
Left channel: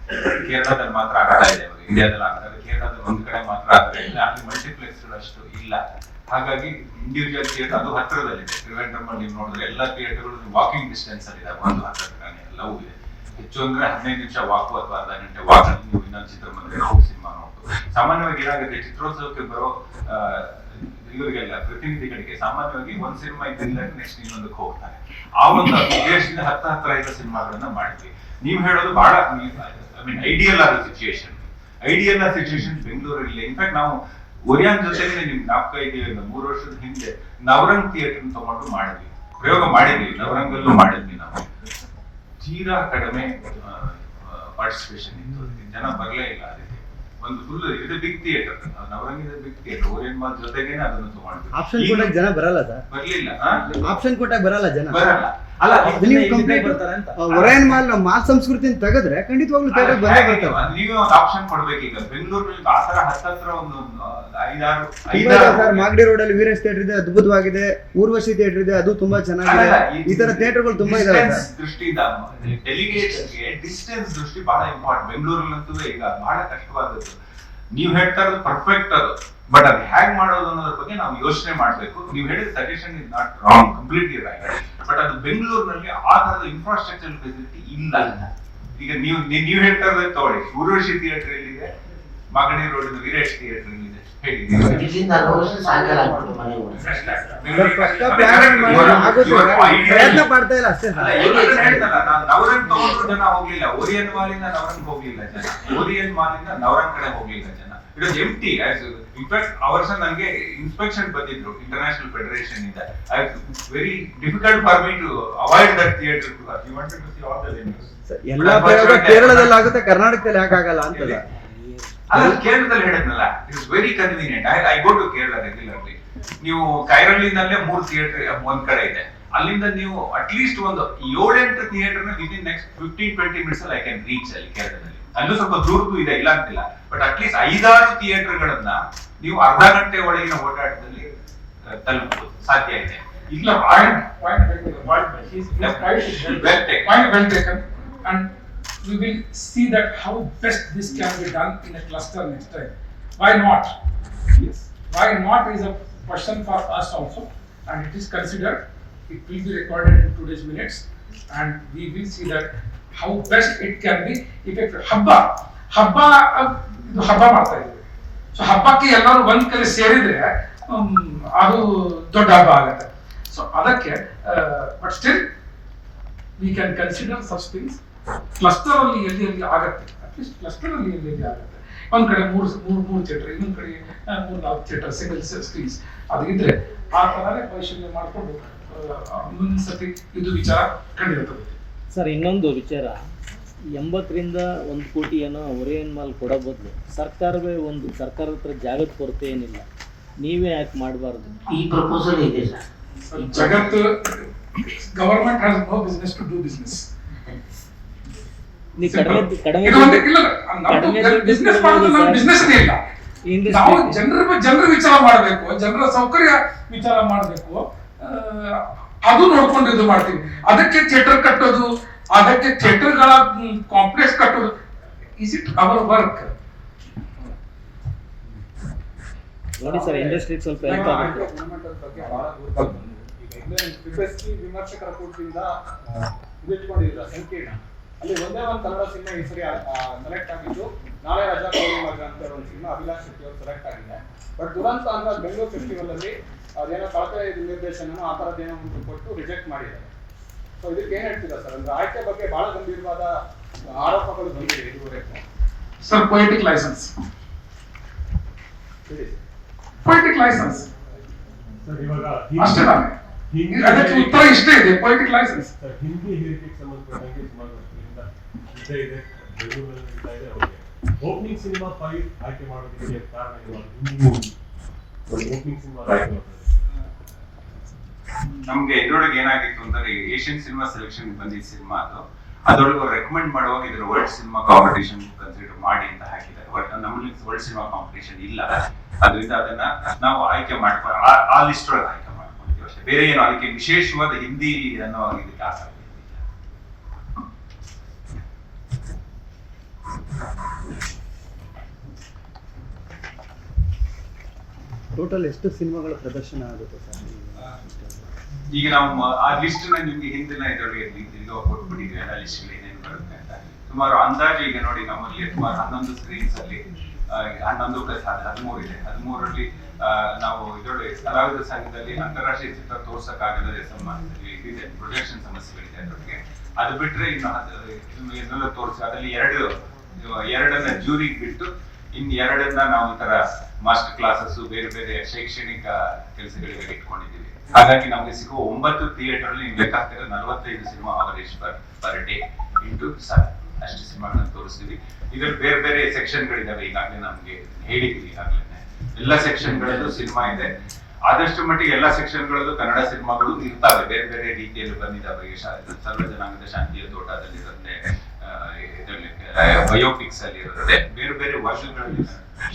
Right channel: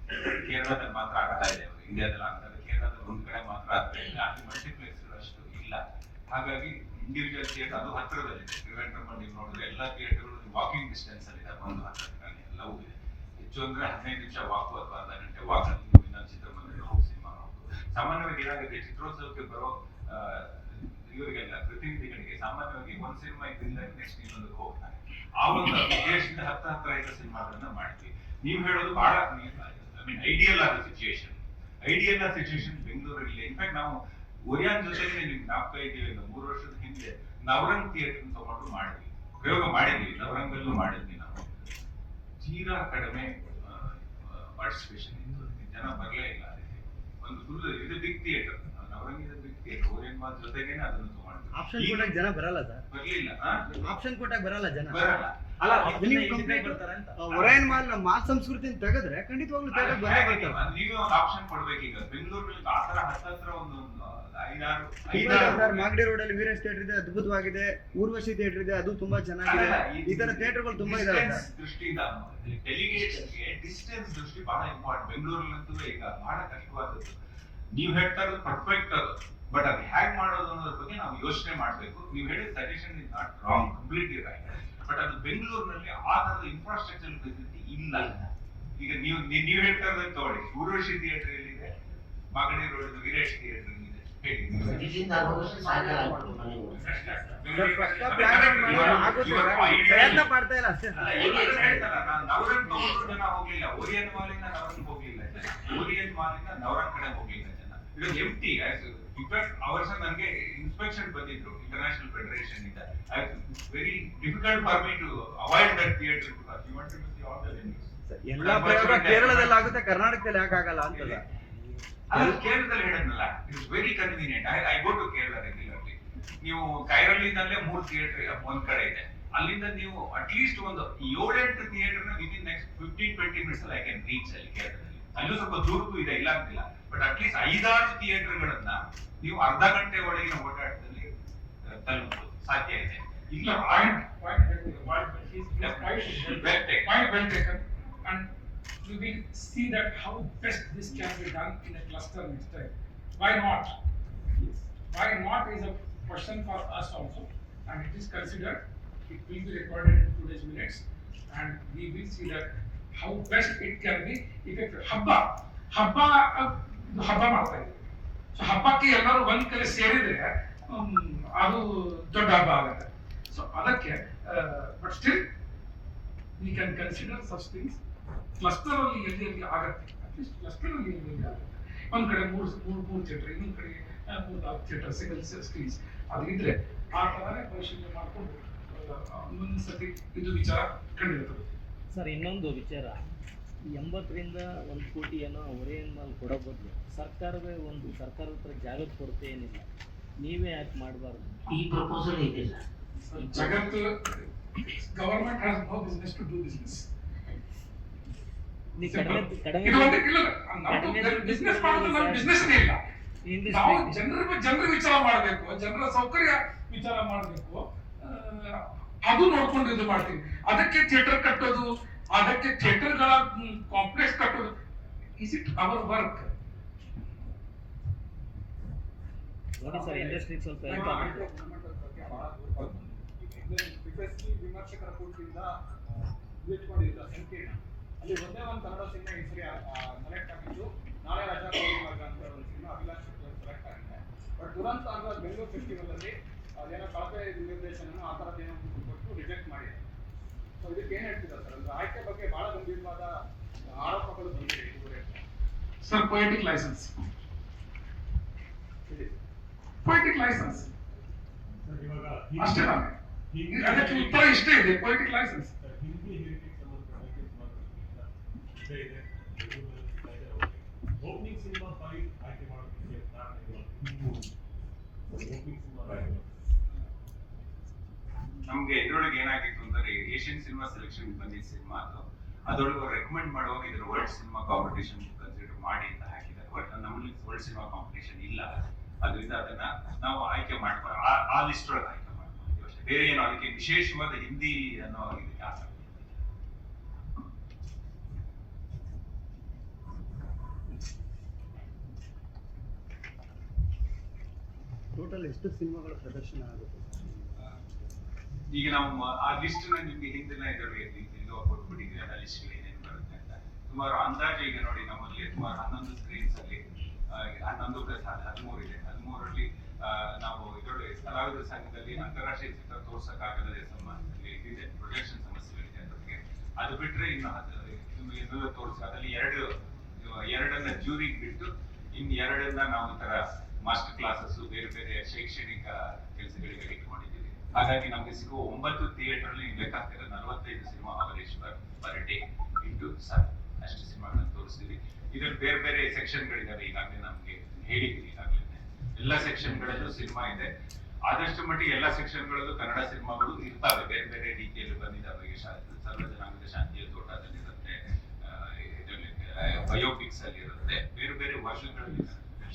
ಕೇರಳದಲ್ಲಿ ಮಾತ್ರ ಆಗ್ತಾ ಇದೆ ಅವರು ಇಂಡಿಯಾದಲ್ಲಿ ಆಗ್ತಾರೆ ಕೇರಳದಲ್ಲಿ ಒಂದ್ ಕಡೆ ಮಾತ್ರ ಆಗ್ತಾ ಇಲ್ಲ. ಅಲ್ಲಿ ಮಲ್ಟಿಪ್ಲೆಕ್ಸ್ ಅಷ್ಟು ಇಲ್ಲ. ಹಾಗಾಗಿ ಇಂಡಿವಿಜುವಲ್ ಥಿಯೇಟರ್ ಅದು ಹತ್ತಿರದಲ್ಲಿದೆ ತ್ರಿವೇಂದ್ರಮ್ ನೀವು ನೋಡಿದ್ರೆ ಎಲ್ಲ ಥಿಯೇಟರ್ಗಳು ವಾಕಿಂಗ್ ಡಿಸ್ಟೆನ್ಸ್ ಅಲ್ಲಿ ಇದೆ ಒಂದು ಹತ್ತಿರ ಎಲ್ಲವೂ ಇದೆ. ಹೆಚ್ಚು ಅಂದ್ರೆ ಹದಿನೈದು ನಿಮಿಷ ವಾಕು ಅಥವಾ ಅರ್ಧ ಗಂಟೆ ವಾಕ್ ನೀವು ಇನ್ನೊಂದು ಚಿತ್ರಮಂದಿರ ಹೋಗಿ ಸಿನಿಮಾ ನೋಡ್ಬೋದು. ಸಾಮಾನ್ಯವಾಗಿ ಏನಾಗುತ್ತೆ? ಚಿತ್ರೋತ್ಸವಕ್ಕೆ ಬರೋ ಇವರಿಗೆಲ್ಲ ಪ್ರತಿನಿಧಿಗಳಿಗೆ ಸಾಮಾನ್ಯವಾಗಿ ಒಂದ್ ಸಿನಿಮಾ ಇದ್ದಿಲ್ಲ ನೆಕ್ಸ್ಟ್ ಇನ್ನೊಂದಕ್ಕೆ ಹೋಗ್ತಾರೆ. ಆ ಒಂದು ಉದ್ದೇಶದಿಂದ ಹತ್ತ ಹತ್ರ ಇರೋ ಸಿನಿಮಾಗಳನ್ನ ಮಾಡಿದ್ವಿ. ನೀವು ಹೇಳೋದು ಬಹಳ ಐ ಮೀನ್ ಐಡಿಯಲ್ ಆದ ಸಿಚುಯೇಷನ್ ಐಡಿಯಲ್ ಆದ ಸಿಚುಯೇಷನ್ ಬೆಂಗಳೂರಲ್ಲಿ ಇನ್ಫ್ಯಾಕ್ಟ್ ನಾವು ಒರಿಯಾನ್ ಜೊತೆಗೆ ನಿಮ್ಗೆ ನಾಲ್ಕು ಐದು ಮೂರು ವರ್ಷದ ಹಿಂದೆ ನವರಂಗ್ ಥಿಯೇಟರ್ ತಗೊಂಡು ಮಾಡಿದ್ವಿ. ಪ್ರಯೋಗ ಮಾಡಿದ್ವಿ. ನವರಂಗಲ್ಲೂ ಮಾಡಿದ್ವಿ ನಾವು. ತೀರಾ ಕಡಿಮೆ ಪಾರ್ಟಿಸಿಪೇಷನ್ ಇತ್ತು. ಜನ ಬರಲೇ ಇಲ್ಲ. ಒಂದು ಫುಲ್ ಇದು ಬಿಗ್ ಥಿಯೇಟರ್ ನವರಂಗಿದ ಬಿಗ್ ಥಿಯೇಟರ್ ಓರಿಯನ್ ಮಾಲ್ ಜೊತೆಗೆ ಅದನ್ನು ಆಪ್ಷನ್ ಕೊಟ್ಟಾಗ ಜನ ಬರಲ್ಲ ಸರ್. ಬರ್ಲಿಲ್ಲ ಆಪ್ಷನ್ ಕೊಟ್ಟಾಗ ಬರಲ್ಲ ಜನ. ಬರಲ್ಲ. ಅಲ್ಲ ನೀವು ಅಂತ. ಒರಾಯನ್ ಮಾಲ್ ಮಾಲ್ ಸಂಸ್ಕೃತಿನ ತೆಗೆದ್ರೆ ಖಂಡಿತವಾಗ್ಲೂ ಥಿಯೇಟರ್ ಬಂದೇ ಹಾಗೆ ನೀವು- ಒಂದು ಆಪ್ಷನ್ ಕೊಡ್ಬೇಕೀಗ. ಬೆಂಗಳೂರಲ್ಲಿ ಆ ತರ ಹತ್ತತ್ರ ಒಂದು ಐದಾರು ಐದಾರು ಸರ್ ಮಾಗಡಿ ರೋಡ್ ಅಲ್ಲಿ ವೀರೇಶ್ ಥಿಯೇಟರ್ ಇದೆ ಅದ್ಭುತವಾಗಿದೆ. ಊರ್ವಶಿ ಥಿಯೇಟರ್ ಇದೆ ಅದು ತುಂಬಾ ಚೆನ್ನಾಗಿದೆ. ಈ ತರ ಥಿಯೇಟರ್ಗಳು ತುಂಬಾ ಇದಾವೆ ದೃಷ್ಟಿಯಿಂದ ಡೆಲಿಗೇಟ್ಸ್ಗೆ ಡಿಸ್ಟೆನ್ಸ್ ದೃಷ್ಟಿ ಬಹಳ ಇಂಪಾರ್ಟೆಂಟ್ ಬೆಂಗಳೂರಲ್ಲಂತೂ ಈಗ ಬಹಳ ಕಷ್ಟವಾದದ್ದು. ನೀವು ಹೇಳ್ತಾ ಇರೋದು ಪರ್ಫೆಕ್ಟ್ ಅದು. ಬಟ್ ಅದು ಹ್ಯಾಂಗ್ ಮಾಡೋದು ಅನ್ನೋದ್ರ ಬಗ್ಗೆ ನಾವು ಯೋಚನೆ ಮಾಡಬೇಕು. ನೀವು ಹೇಳಿದ suggestion is not wrong completely right but ಅದು ಬೆಂಗಳೂರಿನಲ್ಲಿ ಆ ತರದ ಇನ್ಫ್ರಾಸ್ಟ್ರಕ್ಚರ್ ಫೆಸಿಲಿಟಿ ಇಲ್ಲ. ಈಗ ನೀವು ನೀವು ಹೇಳ್ತಾ ಇರೋದು ತಗೊಳ್ಳಿ. ಊರ್ವಶಿ ಥಿಯೇಟರ್ ಎಲ್ಲಿದೆ? ಮಾಗಡಿ ರೋಡ್ ವೀರೇಶ್ ಥಿಯೇಟರ್ ಇದೆ. ತಗೊಂಡ್ರು ಜನ ಹೋಗ್ಲಿಲ್ಲ. ಓರಿಯನ್ ಮಾಲಿಂದ ನವರಂಗ್ ಹೋಗ್ಲಿಲ್ಲ ಜನ. ಓರಿಯನ್ ಮಾಲಿಂದ ನವರಂಗ್ ಕಡೆ ಹೋಗ್ಲಿಲ್ಲ ಜನ. ಇಟ್ ವಾಸ್ ಎಂಟಿ ಇನ್ಫ್ಯಾಕ್ಟ್ ಆ ವರ್ಷ ನನಗೆ ಇನ್ಸ್ಪೆಕ್ಷನ್ ಬಂದಿದ್ರು ಇಂಟರ್ನ್ಯಾಷನಲ್ ಫೆಡರೇಷನ್ ಇಂದ. I very difficult for me to avoid that theatre you want to see all the venues ಎಲ್ಲ ಪ್ರಯೋಗ ಕೇರಳದಲ್ಲಿ ಆಗುತ್ತೆ ಕರ್ನಾಟಕದಲ್ಲಿ ಯಾಕೆ ಆಗಲ್ಲ ಅಂತ ಅಲ್ಲ ಕೇರಳದಲ್ಲಿ ಹೇಳಿದ್ನಲ್ಲ it's very convenient I I go to Kerala regularly ನೀವು ಕೈರಳ್ಳಿನಲ್ಲೇ ಮೂರು ಥಿಯೇಟರ್ ಒಂದ್ ಕಡೆ ಇದೆ. ಅಲ್ಲಿಂದ ನೀವು ಅಟ್ ಲೀಸ್ಟ್ ಒಂದು ಏಳೆಂಟು ಥಿಯೇಟರ್ನ in next fifteen twenty minutes ಅಲ್ಲಿ ಐ ಕ್ಯಾನ್ ರೀಚ್ ಅಲ್ಲಿ ಕೇರಳದಲ್ಲಿ. ಅಲ್ಲೂ ಸ್ವಲ್ಪ ದೂರದ್ದು ಇದೆ ಇಲ್ಲ ಅಂತಿಲ್ಲ. ಬಟ್ ಅಟ್ಲೀಸ್ಟ್ ಐದಾರು ಥಿಯೇಟರ್ ಗಳನ್ನ ನೀವು ಅರ್ಧ ಗಂಟೆ ಒಳಗಿನ ಓಡಾಟದಲ್ಲಿ ಆ, ತಲುಪಬಹುದು ಸಾಧ್ಯ ಇದೆ ಇಲ್ಲ Point, point, point, his, his point is well Well taken. Point well taken, and we will see that how best this can be done in a cluster next time. Why not? Yes. Why not is a question for us also, and it is considered, it will be recorded in today's minutes, and we will see that how best it can be effective. ಹಬ್ಬ, ಹಬ್ಬ, ಅಹ್, ಇದು ಹಬ್ಬ ಮಾಡ್ತಾ ಇದ್ವಿ. So ಹಬ್ಬಕ್ಕೆ ಎಲ್ಲರೂ ಒಂದ್ ಕಡೆ ಸೇರಿದ್ರೆ ಅದು ದೊಡ್ಡ ಹಬ್ಬ ಆಗತ್ತೆ. ಸೊ ಅದಕ್ಕೆ, but still we can consider such things cluster ಅಲ್ಲಿ ಎಲ್ಲಿ ಎಲ್ಲಿ ಆಗತ್ತೆ ಅಟ್ಲೀಸ್ಟ್ ಕ್ಲಸ್ಟರ್ ಅಲ್ಲಿ ಎಲ್ಲಿ ಎಲ್ಲಿ ಆಗತ್ತೆ? ಒಂದ್ ಕಡೆ ಮೂರು ಮೂರು ಮೂರು ಥಿಯೇಟರ್ ಇನ್ನೊಂದ್ ಕಡೆ ಮೂರ್ ನಾಲ್ಕು ಥಿಯೇಟರ್ ಸಿಂಗಲ್ ಸ್ಕ್ರೀನ್ಸ್ ಅದು ಇದ್ರೆ ಆ ತರನೇ ಪರಿಶೀಲನೆ ಮಾಡಿಕೊಂಡು ಮುಂದಿನ ಸತಿ ಇದು ವಿಚಾರ ತಗೋತೀವಿ. ಸರ್ ಇನ್ನೊಂದು ವಿಚಾರ. ಎಂಬತ್ತರಿಂದ ಒಂದು ಕೋಟಿ ಏನೋ ಒರಿಯನ್ ಮಾಲ್ ಕೊಡೋ ಬದಲು ಸರ್ಕಾರವೇ ಒಂದು ಸರ್ಕಾರದ ಹತ್ರ ಜಾಗದ ಕೊರತೆ ಏನಿಲ್ಲ. ನೀವೇ ಯಾಕೆ ಮಾಡಬಾರ್ದು? ಈ ಪ್ರಪೋಸಲ್ ಇದೆ ಸರ್. ಜಗತ್ತು government has no business to do business ನೀ ಕಡಿಮೆ ಕಡಿಮೆ ಬಿಸ್ನೆಸ್ ಮಾಡೋದು ನಮ್ಮ ಸರ್. ಬಿಸ್ನೆಸ್ ಇಲ್ಲ. ನಾವು ಜನರ ಜನರ ವಿಚಾರ ಮಾಡಬೇಕು ಜನರ ಸೌಕರ್ಯ ವಿಚಾರ ಮಾಡಬೇಕು. ಅದು ನೋಡ್ಕೊಂಡು ಇದು ಮಾಡ್ತೀವಿ. ಅದಕ್ಕೆ ಥಿಯೇಟರ್ ಕಟ್ಟೋದು ಅದಕ್ಕೆ ಥಿಯೇಟರ್ಗಳ ಕಾಂಪ್ಲೆಕ್ಸ್ ಕಟ್ಟೋದು ಇಸ್ ಇಟ್ ಅವರ್ ವರ್ಕ್ ನೋಡಿ ಸರ್ ಇಂಡಸ್ಟ್ರಿ ಸ್ವಲ್ಪ ಹೆಲ್ಪ್ ಆಗುತ್ತೆ. ವಿಮರ್ಶಕರ ಕೂಟದಿಂದ ಇಟ್ಕೊಂಡಿದ್ರ ಸಂಕೀರ್ಣ. ಅಲ್ಲಿ ಒಂದೇ ಒಂದು ಕನ್ನಡ ಸಿನಿಮಾ ಈ ಸರಿ ಸೆಲೆಕ್ಟ್ ಆಗಿದ್ದು ನಾಳೆ ರಜಾ ಕೋಳಿ ಮಗ ಅಂತ ಒಂದು ಸಿನಿಮಾ ಅಭಿಲಾಷ್ ಶೆಟ್ಟಿ ಅವರು ಸೆಲೆಕ್ಟ್ ಆಗಿದೆ. ಬಟ್ ದುರಂತ ಅಂದ್ರೆ ಬೆಂಗಳೂರು ಫೆಸ್ಟಿವಲ್ ಅಲ್ಲಿ ಅದೇನೋ ಕಳಪೆ ನಿರ್ದೇಶನ ಆ ಥರದ್ದೇನೋ ಒಂದು ಕೊಟ್ಟು ರಿಜೆಕ್ಟ್ ಮಾಡಿದ್ದಾರೆ ಸೊ ಇದಕ್ಕೆ ಏನ್ ಹೇಳ್ತೀರಾ ಸರ್? ಅಂದ್ರೆ ಆಯ್ಕೆ ಬಗ್ಗೆ ಬಹಳ ಗಂಭೀರವಾದ ಆರೋಪಗಳು ಬಂದಿದೆ ಇದುವರೆಗೂ. Sir poetic licence poetic licence sir ಇವಾಗ ಅಷ್ಟೇ ಅದಕ್ಕೆ ಉತ್ತರ ಇಷ್ಟೇ ಇದೆ ಪೊಯಿಟಿಕ್ ಲೈಸೆನ್ಸ್ ಸರ್ ಹಿಂದಿ ಹೇರಿಕೆಗೆ ಸಂಬಂಧಪಟ್ಟಂಗೆ ಸುಮಾರು ವರ್ಷಗಳಿಂದ ಇದ್ದೇ ಇದೆ. ಬೆಂಗಳೂರಲ್ಲಿ ನಡೀತಾ ಇದೆ ಅವ್ರಿಗೆ. ಓಪನಿಂಗ್ ಸಿನಿಮಾ ಫೈವ್ ಆಯ್ಕೆ ಮಾಡೋದಕ್ಕೆ ಕಾರಣ ಇವಾಗ ಹಿಂದಿ ಮೂವಿ ಓಪನಿಂಗ್ ಸಿನಿಮಾ ಆಯ್ಕೆ ನಮ್ಗೆ ಇದ್ರೊಳಗೆ ಏನಾಗಿತ್ತು ಅಂದ್ರೆ ಏಷ್ಯನ್ ಸಿನಿಮಾ ಸೆಲೆಕ್ಷನ್ ಬಂದಿದ್ದ ಸಿನಿಮಾ ಅದು. ಅದ್ರೊಳಗೆ ರೆಕಮೆಂಡ್ ಮಾಡುವಾಗ ಇದ್ರ ವರ್ಲ್ಡ್ ಸಿನಿಮಾ ಕಾಂಪಿಟೇಷನ್ ಕನ್ಸಿಡರ್ ಮಾಡಿ ಅಂತ ಹಾಕಿದ್ದಾರೆ. ನಮ್ಮಲ್ಲಿ ವರ್ಲ್ಡ್ ಸಿನಿಮಾ ಕಾಂಪಿಟೇಷನ್ ಇಲ್ಲ. ಅದರಿಂದ ಅದನ್ನ ನಾವು ಆಯ್ಕೆ ಮಾಡ್ಕೊಂಡು ಆ- ಲಿಸ್ಟ್ ಒಳಗೆ ಆಯ್ಕೆ ಮಾಡ್ಕೊಂಡಿದ್ದೀವಿ ಅಷ್ಟೇ. ಬೇರೆ ಏನು ಅದಕ್ಕೆ ವಿಶೇಷವಾದ ಹಿಂದಿ ಅನ್ನೋ ಇದಕ್ಕೆ ಆಸಕ್ತಿ. ಟೋಟಲ್ ಎಷ್ಟು ಸಿನಿಮಾಗಳ ಪ್ರದರ್ಶನ ಆಗುತ್ತೆ ಈಗ ನಾವು ಆ ಲಿಸ್ಟ್ನ ನಿಮ್ಗೆ ಹಿಂದಿನ ಇದರಲ್ಲಿ ಕೊಟ್ಬಿಟ್ಟಿದ್ವಿ ಎಲ್ಲ ಲಿಸ್ಟ್ ಏನೇನು ಬರುತ್ತೆ ಅಂತ. ಸುಮಾರು ಅಂದಾಜು ಈಗ ನೋಡಿ ನಮ್ಮಲ್ಲಿ ಸುಮಾರು ಹನ್ನೊಂದು ಸ್ಕ್ರೀನ್ಸ್ ಅಲ್ಲಿ ಆ, ಹನ್ನೊಂದು ಪ್ಲಸ್ ಹದಿಮೂರು ಇದೆ. ಹದಿಮೂರರಲ್ಲಿ ನಾವು ಇದರೊಳಗೆ ಕಲಾವಿದ ಸಂಘದಲ್ಲಿ ಅಂತಾರಾಷ್ಟ್ರೀಯ ಚಿತ್ರ ತೋರ್ಸಕ್ಕಾಗದ ಸಂಬಂಧದಲ್ಲಿ ಇದೆ ಪ್ರೊಜೆಕ್ಷನ್ ಸಮಸ್ಯೆಗಳಿದೆ ಅದರೊಳಗೆ. ಅದು ಬಿಟ್ರೆ ಇನ್ನು ಇದನ್ನೆಲ್ಲ ತೋರಿಸಿ ಅದರಲ್ಲಿ ಎರಡು ಎರಡನ್ನ ಜೂರಿಗೆ ಬಿಟ್ಟು ಇನ್ ಎರಡನ್ನ ನಾವು ತರ ಮಾಸ್ಟರ್ ಕ್ಲಾಸಸ್ ಬೇರೆ ಬೇರೆ ಶೈಕ್ಷಣಿಕ ಕೆಲಸಗಳಿಗೆ ಇಟ್ಕೊಂಡಿದ್ದೀವಿ. ಹಾಗಾಗಿ ನಮಗೆ ಸಿಗುವ ಒಂಬತ್ತು ಥಿಯೇಟರ್ ನೀವು ಲೆಕ್ಕ ಹಾಕಿದ್ರೆ ನಲವತ್ತೈದು cinema average per per day into sir ಅಷ್ಟು ಸಿನಿಮಾಗಳನ್ನು ತೋರಿಸ್ತೀವಿ. ಇದ್ರ ಬೇರೆ ಬೇರೆ ಸೆಕ್ಷನ್ ಗಳಿದಾವೆ ಈಗಾಗಲೇ ನಮಗೆ ಹೇಳಿದ್ವಿ ಈಗಾಗಲೇ ಎಲ್ಲ ಸೆಕ್ಷನ್ ಗಳಲ್ಲೂ ಸಿನಿಮಾ ಇದೆ. ಆದಷ್ಟು ಮಟ್ಟಿಗೆ ಎಲ್ಲ ಸೆಕ್ಷನ್ ಗಳಲ್ಲೂ ಕನ್ನಡ ಸಿನಿಮಾಗಳು ಇರ್ತಾವೆ. ಬೇರೆ ಬೇರೆ ರೀತಿಯಲ್ಲಿ ಬಂದಿದ್ದಾವೆ ಸರ್ವ ಜನಾಂಗದ ಶಾಂತಿಯ ತೋಟದಲ್ಲಿ ಇರುತ್ತೆ ಬಯೋಪಿಕ್ಸ್ ಅಲ್ಲಿ ಇರುತ್ತೆ. ಬೇರೆ ಬೇರೆ ವರ್ಷಗಳಲ್ಲಿ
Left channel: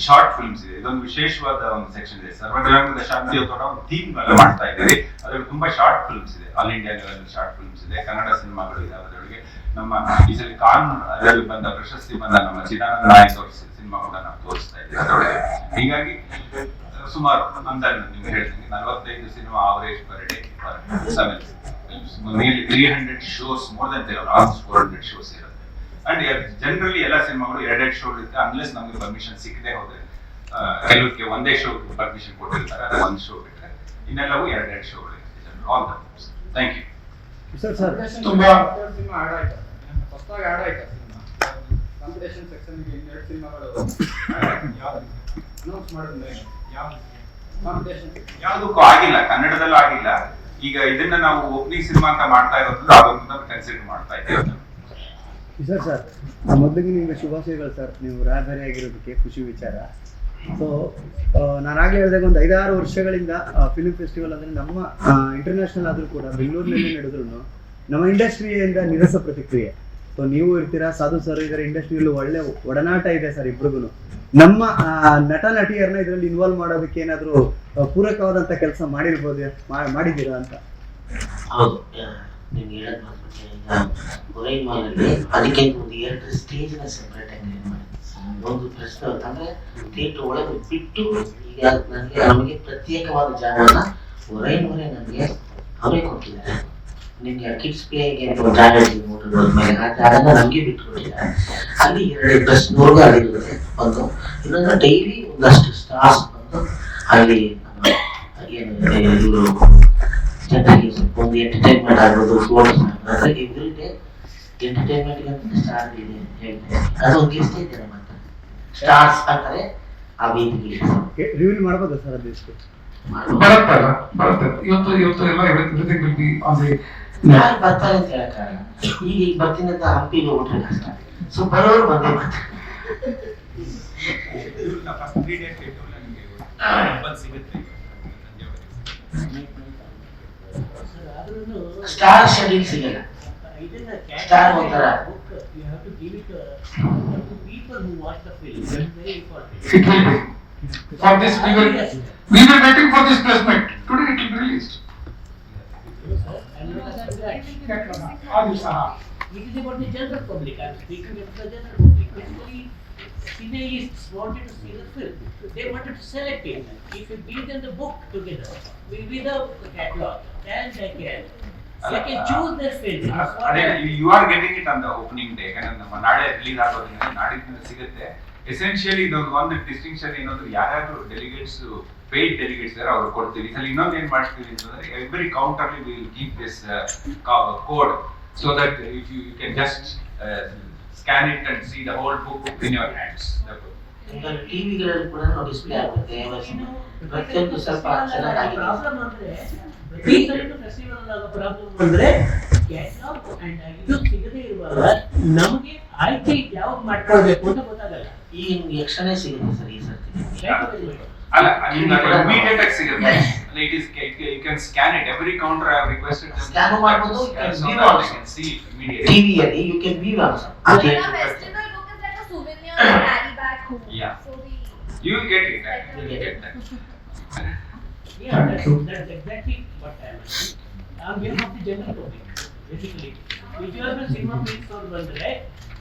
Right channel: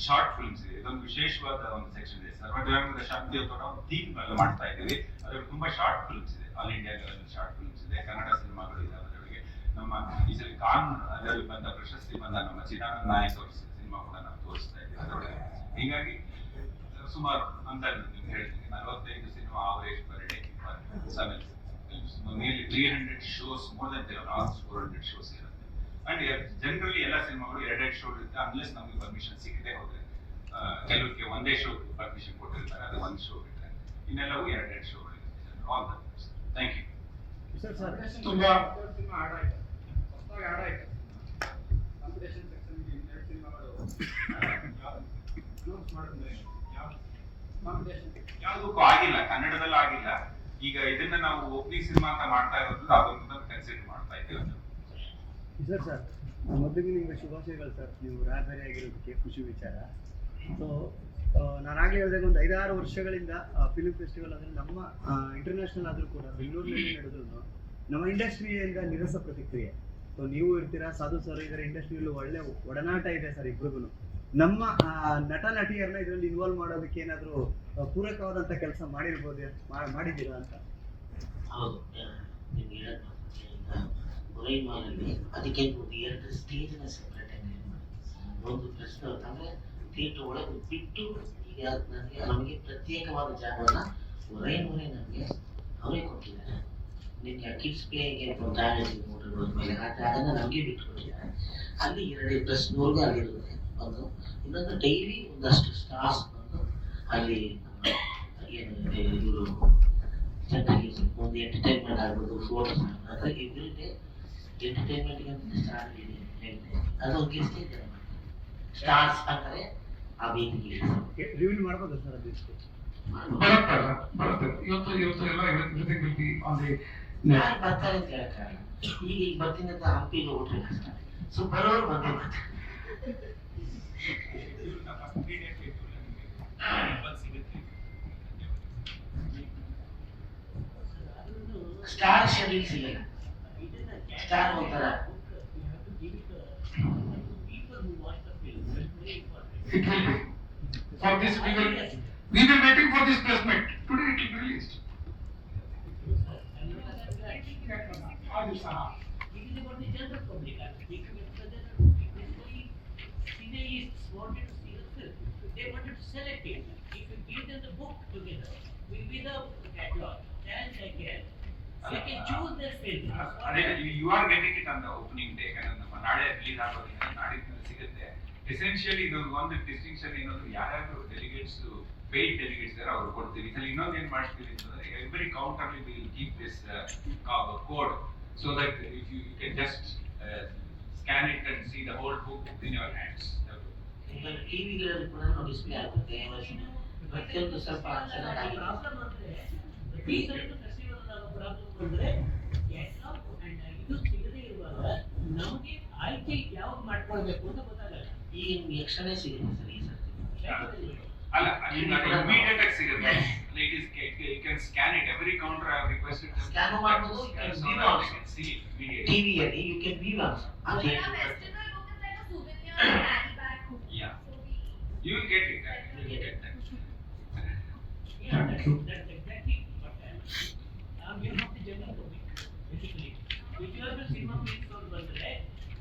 ಶಾರ್ಟ್ ಫಿಲ್ಮ್ಸ್ ಇದೆ. ಇದೊಂದು ವಿಶೇಷವಾದ ಒಂದು ಸೆಕ್ಷನ್ ಇದೆ. ಸರ್ವ ಶಾಂತಿ ಒಂದು ಥೀಮ್ ಮಾಡ್ತಾ ಇದ್ದೀವಿ ಅದರಲ್ಲಿ ತುಂಬಾ ಶಾರ್ಟ್ ಫಿಲ್ಮ್ಸ್ ಇದೆ. All India level short films ಇದೆ. ಕನ್ನಡ ಸಿನಿಮಾಗಳು ಇದೆ ಅದರೊಳಗೆ. ನಮ್ಮ ಈ ಸಲ ಕಾನ್ ಅದರಲ್ಲಿ ಬಂದ ಪ್ರಶಸ್ತಿ ಬಂದ ನಮ್ಮ ಚಿದಾನಂದ ನಾಯಕ್ ಅವರ ಸಿನಿಮಾ ಕೂಡ ನಾವು ತೋರಿಸ್ತಾ ಇದ್ದೀವಿ ಅದರೊಳಗೆ. ಹೀಗಾಗಿ ಸುಮಾರು ಅಂದಾಜು ನಿಮ್ಗೆ ಹೇಳ್ತೀನಿ. ನಲವತ್ತೈದು cinema average per day per seven three hundred shows more than almost four hundred shows ಇರುತ್ತೆ. ಅಂಡ್ ಜನರಲಿ ಎಲ್ಲ ಸಿನಿಮಾಗಳು ಎರಡೆರಡು ಶೋ ಇರುತ್ತೆ ಅನ್ಲೆಸ್ ನಮಗೆ ಪರ್ಮಿಷನ್ ಸಿಕ್ಕದೆ ಹೋದ್ರೆ ಕೆಲವಕ್ಕೆ ಒಂದೇ ಶೋ ಪರ್ಮಿಷನ್ ಕೊಟ್ಟಿರ್ತಾರೆ ಅದು ಒಂದು ಶೋ ಬಿಟ್ಟರೆ ಇನ್ನೆಲ್ಲವೂ ಎರಡೆರಡು ಶೋ ಇರುತ್ತೆ all the thank you sir sir. ತುಂಬಾ ಸಿನಿಮಾ ಆಡ್ ಆಯ್ತಾ? ಹೊಸದಾಗಿ ಆಡ್ ಆಯ್ತಾ ಸಿನಿಮಾ? ಕಾಂಪಿಟೇಷನ್ ಸೆಕ್ಷನ್ಗೆ ಇನ್ನೆರಡು ಸಿನಿಮಾಗಳು ಅನೌನ್ಸ್ ಮಾಡಿದ್ಮೇಲೆ ಯಾವ ಕಾಂಪಿಟೇಷನ್ ಯಾವುದಕ್ಕೂ ಆಗಿಲ್ಲ. ಕನ್ನಡದಲ್ಲೂ ಆಗಿಲ್ಲ. ಈಗ ಇದನ್ನ ನಾವು ಓಪನಿಂಗ್ ಸಿನಿಮಾ ಅಂತ ಮಾಡ್ತಾ ಇರೋದ್ರಿಂದ ಅದೊಂದು ಕನ್ಸಿಡರ್ ಮಾಡ್ತಾ ಇದ್ದೇವೆ. ಸರ್ ಸರ್ ಮೊದಲಿಗೆ ನಿಮಗೆ ಶುಭಾಶಯಗಳು ಸರ್. ನೀವು ರಾಯಭಾರಿ ಆಗಿರೋದಕ್ಕೆ ಖುಷಿ ವಿಚಾರ. ಸೊ ನಾನಾಗಲೇ ಹೇಳಿದಾಗ ಒಂದು ಐದಾರು ವರ್ಷಗಳಿಂದ ಫಿಲ್ಮ್ ಫೆಸ್ಟಿವಲ್ ಅಂದರೆ ನಮ್ಮ ಇಂಟರ್ನ್ಯಾಷನಲ್ ಆದರೂ ಕೂಡ, ಬೆಂಗಳೂರಿನಲ್ಲಿ ನಡೆದ್ರು ನಮ್ಮ ಇಂಡಸ್ಟ್ರಿಯಿಂದ ನಿರಸ ಪ್ರತಿಕ್ರಿಯೆ. ಸೊ ನೀವು ಇರ್ತೀರಾ, ಸಾಧು ಸರ್ ಇದರ, ಇಂಡಸ್ಟ್ರಿಯಲ್ಲೂ ಒಳ್ಳೆ ಒಡನಾಟ ಇದೆ ಸರ್ ಇಬ್ರಿಗೂ ನಮ್ಮ ನಟ ನಟಿಯರನ್ನ ಇದರಲ್ಲಿ ಇನ್ವಾಲ್ವ್ ಮಾಡೋದಕ್ಕೆ ಏನಾದರೂ ಪೂರಕವಾದಂಥ ಕೆಲಸ ಮಾಡಿರ್ಬೋದು ಮಾಡಿದ್ದೀರಾ ಅಂತ? ನಿಮ್ಗೆ ಹೇಳೋದು ಮರ್ತ್ಬಿಟ್ಟೆ. ಹೊರೈ ಮಾಲಲ್ಲಿ ಅದಕ್ಕೆ ಒಂದು ಎರಡು ಸ್ಟೇಜ್ನ ಆಗಿ ಒಂದು ಪ್ರಶ್ನೆ ಅಂದ್ರೆ ಥಿಯೇಟರ್ ಒಳಗೆ ಬಿಟ್ಟು ಈಗ ನನಗೆ ನಮಗೆ ಪ್ರತ್ಯೇಕವಾದ ಜಾಗವನ್ನ ಹೊರೈನವರೇ ನಮಗೆ ಅವರೇ ಕೊಟ್ಟಿದ್ದಾರೆ ನಿಮ್ಗೆ ಕಿಡ್ಸ್ ಪ್ಲೇಗೆ ಜಾಗ ಹೋದ್ಮೇಲೆ ಆ ಜಾಗನ ನಮಗೆ ಬಿಟ್ಕೊಟ್ಟಿದ್ದಾರೆ ಅಲ್ಲಿ ಎರಡು ಪ್ಲಸ್ ನೂರು ಅಲ್ಲಿರುತ್ತೆ ಒಂದು ಇನ್ನೊಂದು ಡೈಲಿ ಒಂದಷ್ಟು ಸ್ಟಾರ್ಸ್ ಬಂದು ಅಲ್ಲಿ ಏನು ಒಂದು ಎಂಟರ್ಟೈನ್ಮೆಂಟ್ ಆಗ್ಬೋದು ಸ್ಪೋರ್ಟ್ಸ್ ಅಂದ್ರೆ ಎವ್ರಿ ಡೇ ಎಂಟರ್ಟೈನ್ಮೆಂಟ್ ಅಂತ ಸ್ಟಾರ್ ಇದೆ ಅದು ಲಿಸ್ಟ್ ಇದೆ ನಮ್ಮ ಸ್ಟಾರ್ಸ್ ಅಂತಾರೆ ಆ ವೇದಿಕೆ ರಿವೀಲ್ ಮಾಡ್ಬೋದಾ ಸರ್ ಅದು ಬರುತ್ತೆ ಇವತ್ತು ಇವತ್ತು ಎಲ್ಲ everything will be on the ಯಾರು ಬರ್ತಾರೆ ಅಂತ ಹೇಳಕ್ಕಾಗಲ್ಲ ಈಗ ಈಗ ಬರ್ತೀನಿ ಅಂತ ಹಂಪಿಗೆ ಹೋಗ್ಬಿಟ್ರೆ ಕಷ್ಟ. ಸೊ ಬರೋರು ಬರ್ತಾರೆ ಬಂದು ಸಿಗುತ್ತೆ ಸ್ಟಾರ್ ಶೆಡ್ಯೂಲ್ ಸಿಗಲ್ಲ ಸ್ಟಾರ್ ಒಂಥರ It will be. For this, we will, we were waiting for this placement. Today it will be released. ಆ ದಿವಸ It is about the general public, I am speaking of the general public, basically, cineists wanted to see the film, they wanted to select it. If you give them the book together, with with the catalog, and they can, they can choose their film. That's what ಅದೇ I- you are getting it on the opening day ಯಾಕಂದ್ರೆ ನಮ್ಮ ನಾಳೆ release ಆಗೋದ್ರಿಂದ ನಾಡಿದ್ದು ಸಿಗುತ್ತೆ essentially ಇದೊಂದು ಒಂದು distinction ಏನಂದ್ರೆ ಯಾರ್ಯಾರು ಡೆಲಿಗೇಟ್ಸ್ ಪೇಯ್ಡ್ ಡೆಲಿಗೇಟ್ಸ್ ಇದಾರೆ ಅವ್ರು ಕೊಡ್ತೀವಿ ಸಲ ಇನ್ನೊಂದು ಏನ್ ಮಾಡ್ತೀವಿ ಅಂತಂದ್ರೆ every counter will keep this code so that if you can just scan it and see the whole book in your hands ಈಗ ಟಿವಿಗಳಲ್ಲಿ ಕೂಡ ಡಿಸ್ಪ್ಲೇ ಆಗುತ್ತೆ ಪ್ರತಿಯೊಂದು ಸ್ವಲ್ಪ ಚೆನ್ನಾಗಿ. ಪ್ರಾಬ್ಲಮ್ ಅಂದ್ರೆ ಈ ಇದು ಸಿಗದೇ ಇರುವಾಗ ನಮಗೆ ಆಯ್ಕೆ ಯಾವ್ದು ಮಾಡ್ಕೊಳ್ಬೇಕು ಅಂತ ಗೊತ್ತಾಗಲ್ಲ. ಈಗ ನಿಮ್ಗೆ ಯಕ್ಷಣೆ ಸಿಗುತ್ತೆ ಸರ್ ಈ ಸರ್ತಿ. ಅಲ್ಲ ಇಮಿಡಿಯೇಟ್ ಆಗಿ ಸಿಗುತ್ತೆ it is you can scan it every counter I requested Scan ಮಾಡ್ಬೋದು, you can view also. Can see immediate ಟಿವಿಯಲ್ಲಿ ಯು ಕ್ಯಾನ್ ವ್ಯೂ ಆಲ್ಸೋ ಅದೇ festival book is like a souvenir to carry back home. Yeah. So we You will get it. You will get that. Yeah, that's, that's exactly what I am saying. On behalf of the general public, basically. ನಿಜವಾಗ್ಲೂ cinema feels ಅವ್ರು ಬಂದ್ರೆ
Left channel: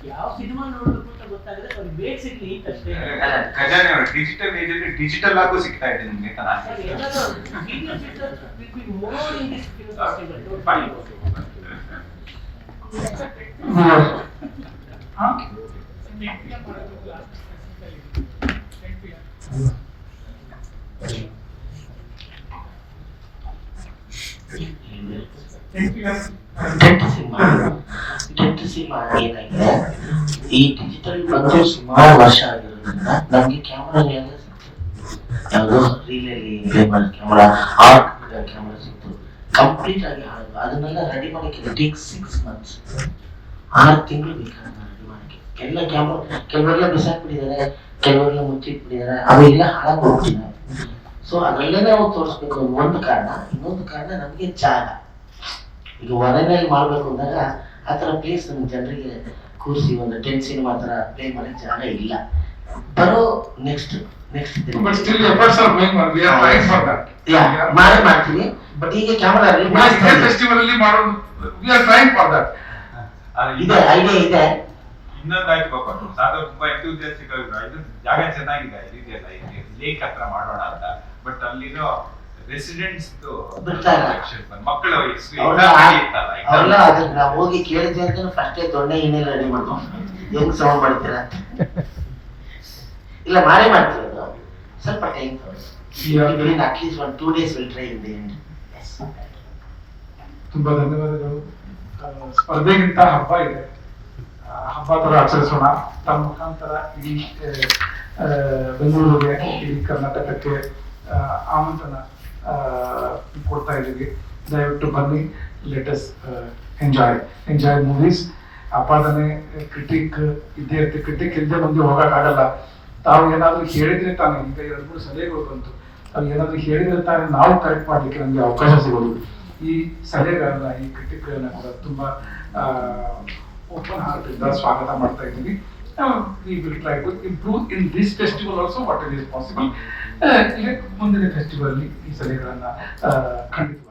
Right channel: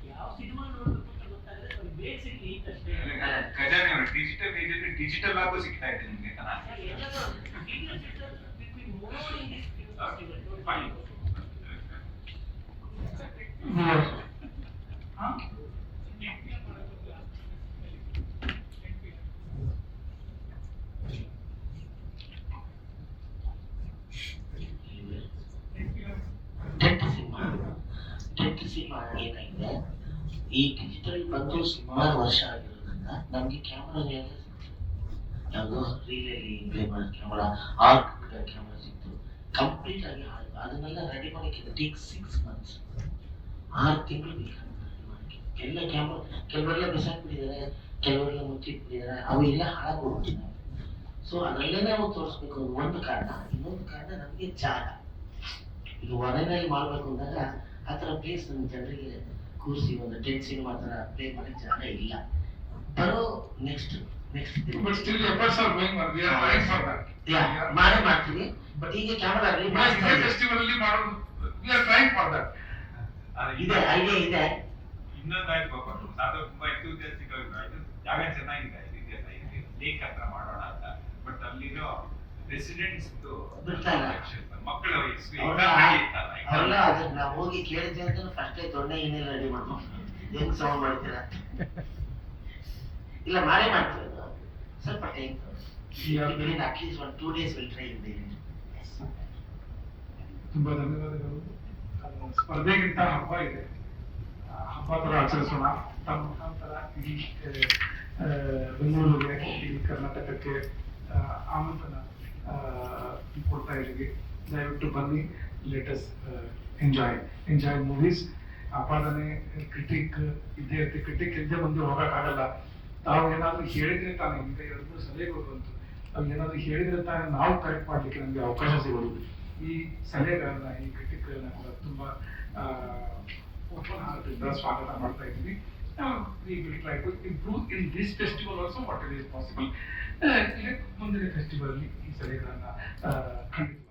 ಯಾವ cinema ನೋಡ್ಬೇಕು ಅಂತ ಗೊತ್ತಾಗದೆ ಅವ್ರಿಗೆ ಬೇಗ ಸಿಗ್ಲಿ ಅಷ್ಟೇ. ಖಜಾನೆ ಅವರು ಡಿಜಿಟಲ್ ಏಜ್ ಅಲ್ಲಿ ಡಿಜಿಟಲ್ ಆಗು ಸಿಗ್ತಾ ಇದೆ ನಿಮ್ಗೆ ಅಂತ ನಾನು ಸಿನಿಮಾ ಏನಾಗಿದೆ ಈ ಡಿಜಿಟಲ್ ಬಂದು ಸುಮಾರು ವರ್ಷ ಆಗಿರೋದ್ರಿಂದ ನಮ್ಗೆ ಕ್ಯಾಮ್ರಾ ಯಾವುದು ರೀಲಲ್ಲಿ ಪ್ಲೇ ಮಾಡೋ ಕ್ಯಾಮ್ರಾ ಆರ್ಟ್ ಕ್ಯಾಮ್ರಾ ಸಿಕ್ತು. ಕಂಪ್ಲೀಟ್ ಆಗಿ ಹಾಳು ಅದನ್ನೆಲ್ಲ ರೆಡಿ ಮಾಡಕ್ಕೆ ಟೇಕ್ ಸಿಕ್ಸ್ ಮಂತ್ಸ್ ಆರು ತಿಂಗಳು ಬೇಕಾಗುತ್ತೆ ರೆಡಿ ಮಾಡಕ್ಕೆ. ಎಲ್ಲ ಕ್ಯಾಮ್ರಾ ಕೆಲವರೆಲ್ಲ ಬಿಸಾಕ್ಬಿಟ್ಟಿದ್ದಾರೆ, ಕೆಲವರೆಲ್ಲ ಮುಚ್ಚಿಟ್ಬಿಟ್ಟಿದ್ದಾರೆ, ಅವೆಲ್ಲ ಹಾಳಾಗಿ ಹೋಗ್ತಿದ್ದಾರೆ ಸೊ ಅದರಲ್ಲೇ ನಾವು ತೋರಿಸ್ಬೇಕು. ಒಂದು ಕಾರಣ. ಇನ್ನೊಂದು ಕಾರಣ ನಮಗೆ ಜಾಗ. ಈಗ ಹೊರನಲ್ಲಿ ಮಾಡಬೇಕು ಅಂದಾಗ ಆ ಥರ ಪ್ಲೇಸ್ ನಮ್ಮ ಜನರಿಗೆ ಕೂರಿಸಿ ಒಂದು ಟೆನ್ ಸಿನಿಮಾ ಥರ ಪ್ಲೇ ಮಾಡೋಕ್ಕೆ ಜಾಗ ಇಲ್ಲ. ಬರೋ ನೆಕ್ಸ್ಟ್ ಮಾಡೇ ಮಾಡ್ತೀನಿ. ಬಟ್ ಈಗ ಕ್ಯಾಮರಾ ಫೆಸ್ಟಿವಲ್ ಅಲ್ಲಿ ಮಾಡೋದು we are trying for that ಅದು ಇದೆ ಐಡಿಯಾ ಇದೆ. ಇನ್ನೊಂದು ಆಯ್ತು ಪಾಪ ಸಾಧು ತುಂಬಾ ಇದು ಜಾಗ ಚೆನ್ನಾಗಿದೆ ಲೇಕ್ ಹತ್ರ ಮಾಡೋಣ ಅಂತ. ಬಟ್ ಅಲ್ಲಿರೋ ರೆಸಿಡೆಂಟ್ಸ್ ಬಿಡ್ತಾ ಇಲ್ಲ. ಮಕ್ಕಳ ಅವ್ರೆಲ್ಲ ನಾವು ಹೋಗಿ ಕೇಳಿದ್ವಿ ಅಂತ ಫಸ್ಟೇ ದೊಣ್ಣೆ ಇನ್ನೆಲ್ಲ ರೆಡಿ ಮಾಡ್ಕೊಂಡು ಹೆಂಗ್ ಸೌಂಡ್ ಮಾಡ್ತೀರಾ? ಇಲ್ಲ ಮಾಡೇ ಮಾಡ್ತೀವಿ ಸ್ವಲ್ಪ time at least one two days will try ಇದೆ. ತುಂಬಾ ಧನ್ಯವಾದಗಳು. ಸ್ಪರ್ಧೆಗಿಂತ ಹಬ್ಬ ಇದೆ. ಹಬ್ಬ ತರ ಆಚರಿಸೋಣ. ತಮ್ಮ ಮುಖಾಂತರ ಇಡೀ ಬೆಂಗಳೂರಿಗೆ ಇಡೀ ಕರ್ನಾಟಕಕ್ಕೆ ಆಮಂತ್ರಣ ಕೊಡ್ತಾ ಇದ್ದೀವಿ. ದಯವಿಟ್ಟು ಬನ್ನಿ. ಲೇಟಸ್ ಎಂಜಾಯ್ ಎಂಜಾಯ್ ಮೂವೀಸ್ ಅಪಾದನೆ ಕ್ರಿಟಿಕ್ ಇದ್ದೇ ಇರುತ್ತೆ ಕ್ರಿಟಿಕ್ ಇಲ್ಲದೆ ಬಂದು ಹೋಗೋಕ್ಕಾಗಲ್ಲ ತಾವು ಏನಾದರೂ ಹೇಳಿದ್ರೆ ತಾನೆ, ಈಗ ಎರಡು ಮೂರು ಸಲಹೆಗಳು ಬಂತು. ತಾವು ಏನಾದರೂ ಹೇಳಿದ್ರೆ ತಾನೆ ನಾವು ಕರೆಕ್ಟ್ ಮಾಡಲಿಕ್ಕೆ ನಮಗೆ ಅವಕಾಶ ಸಿಗೋದು. ಈ ಸಲಹೆಗಳನ್ನ, ಈ ಕ್ರಿಟಿಕ್ಗಳನ್ನ ಕೂಡ ತುಂಬಾ ಓಪನ್ ಹಾರ್ಟ್ ಇಂದ ಸ್ವಾಗತ ಮಾಡ್ತಾ ಇದ್ದೀವಿ. We will try to improve in this festival also what it is possible ಮುಂದಿನ ಫೆಸ್ಟಿವಲ್ ಈ ಸಲಹೆಗಳನ್ನ ಖಂಡಿತ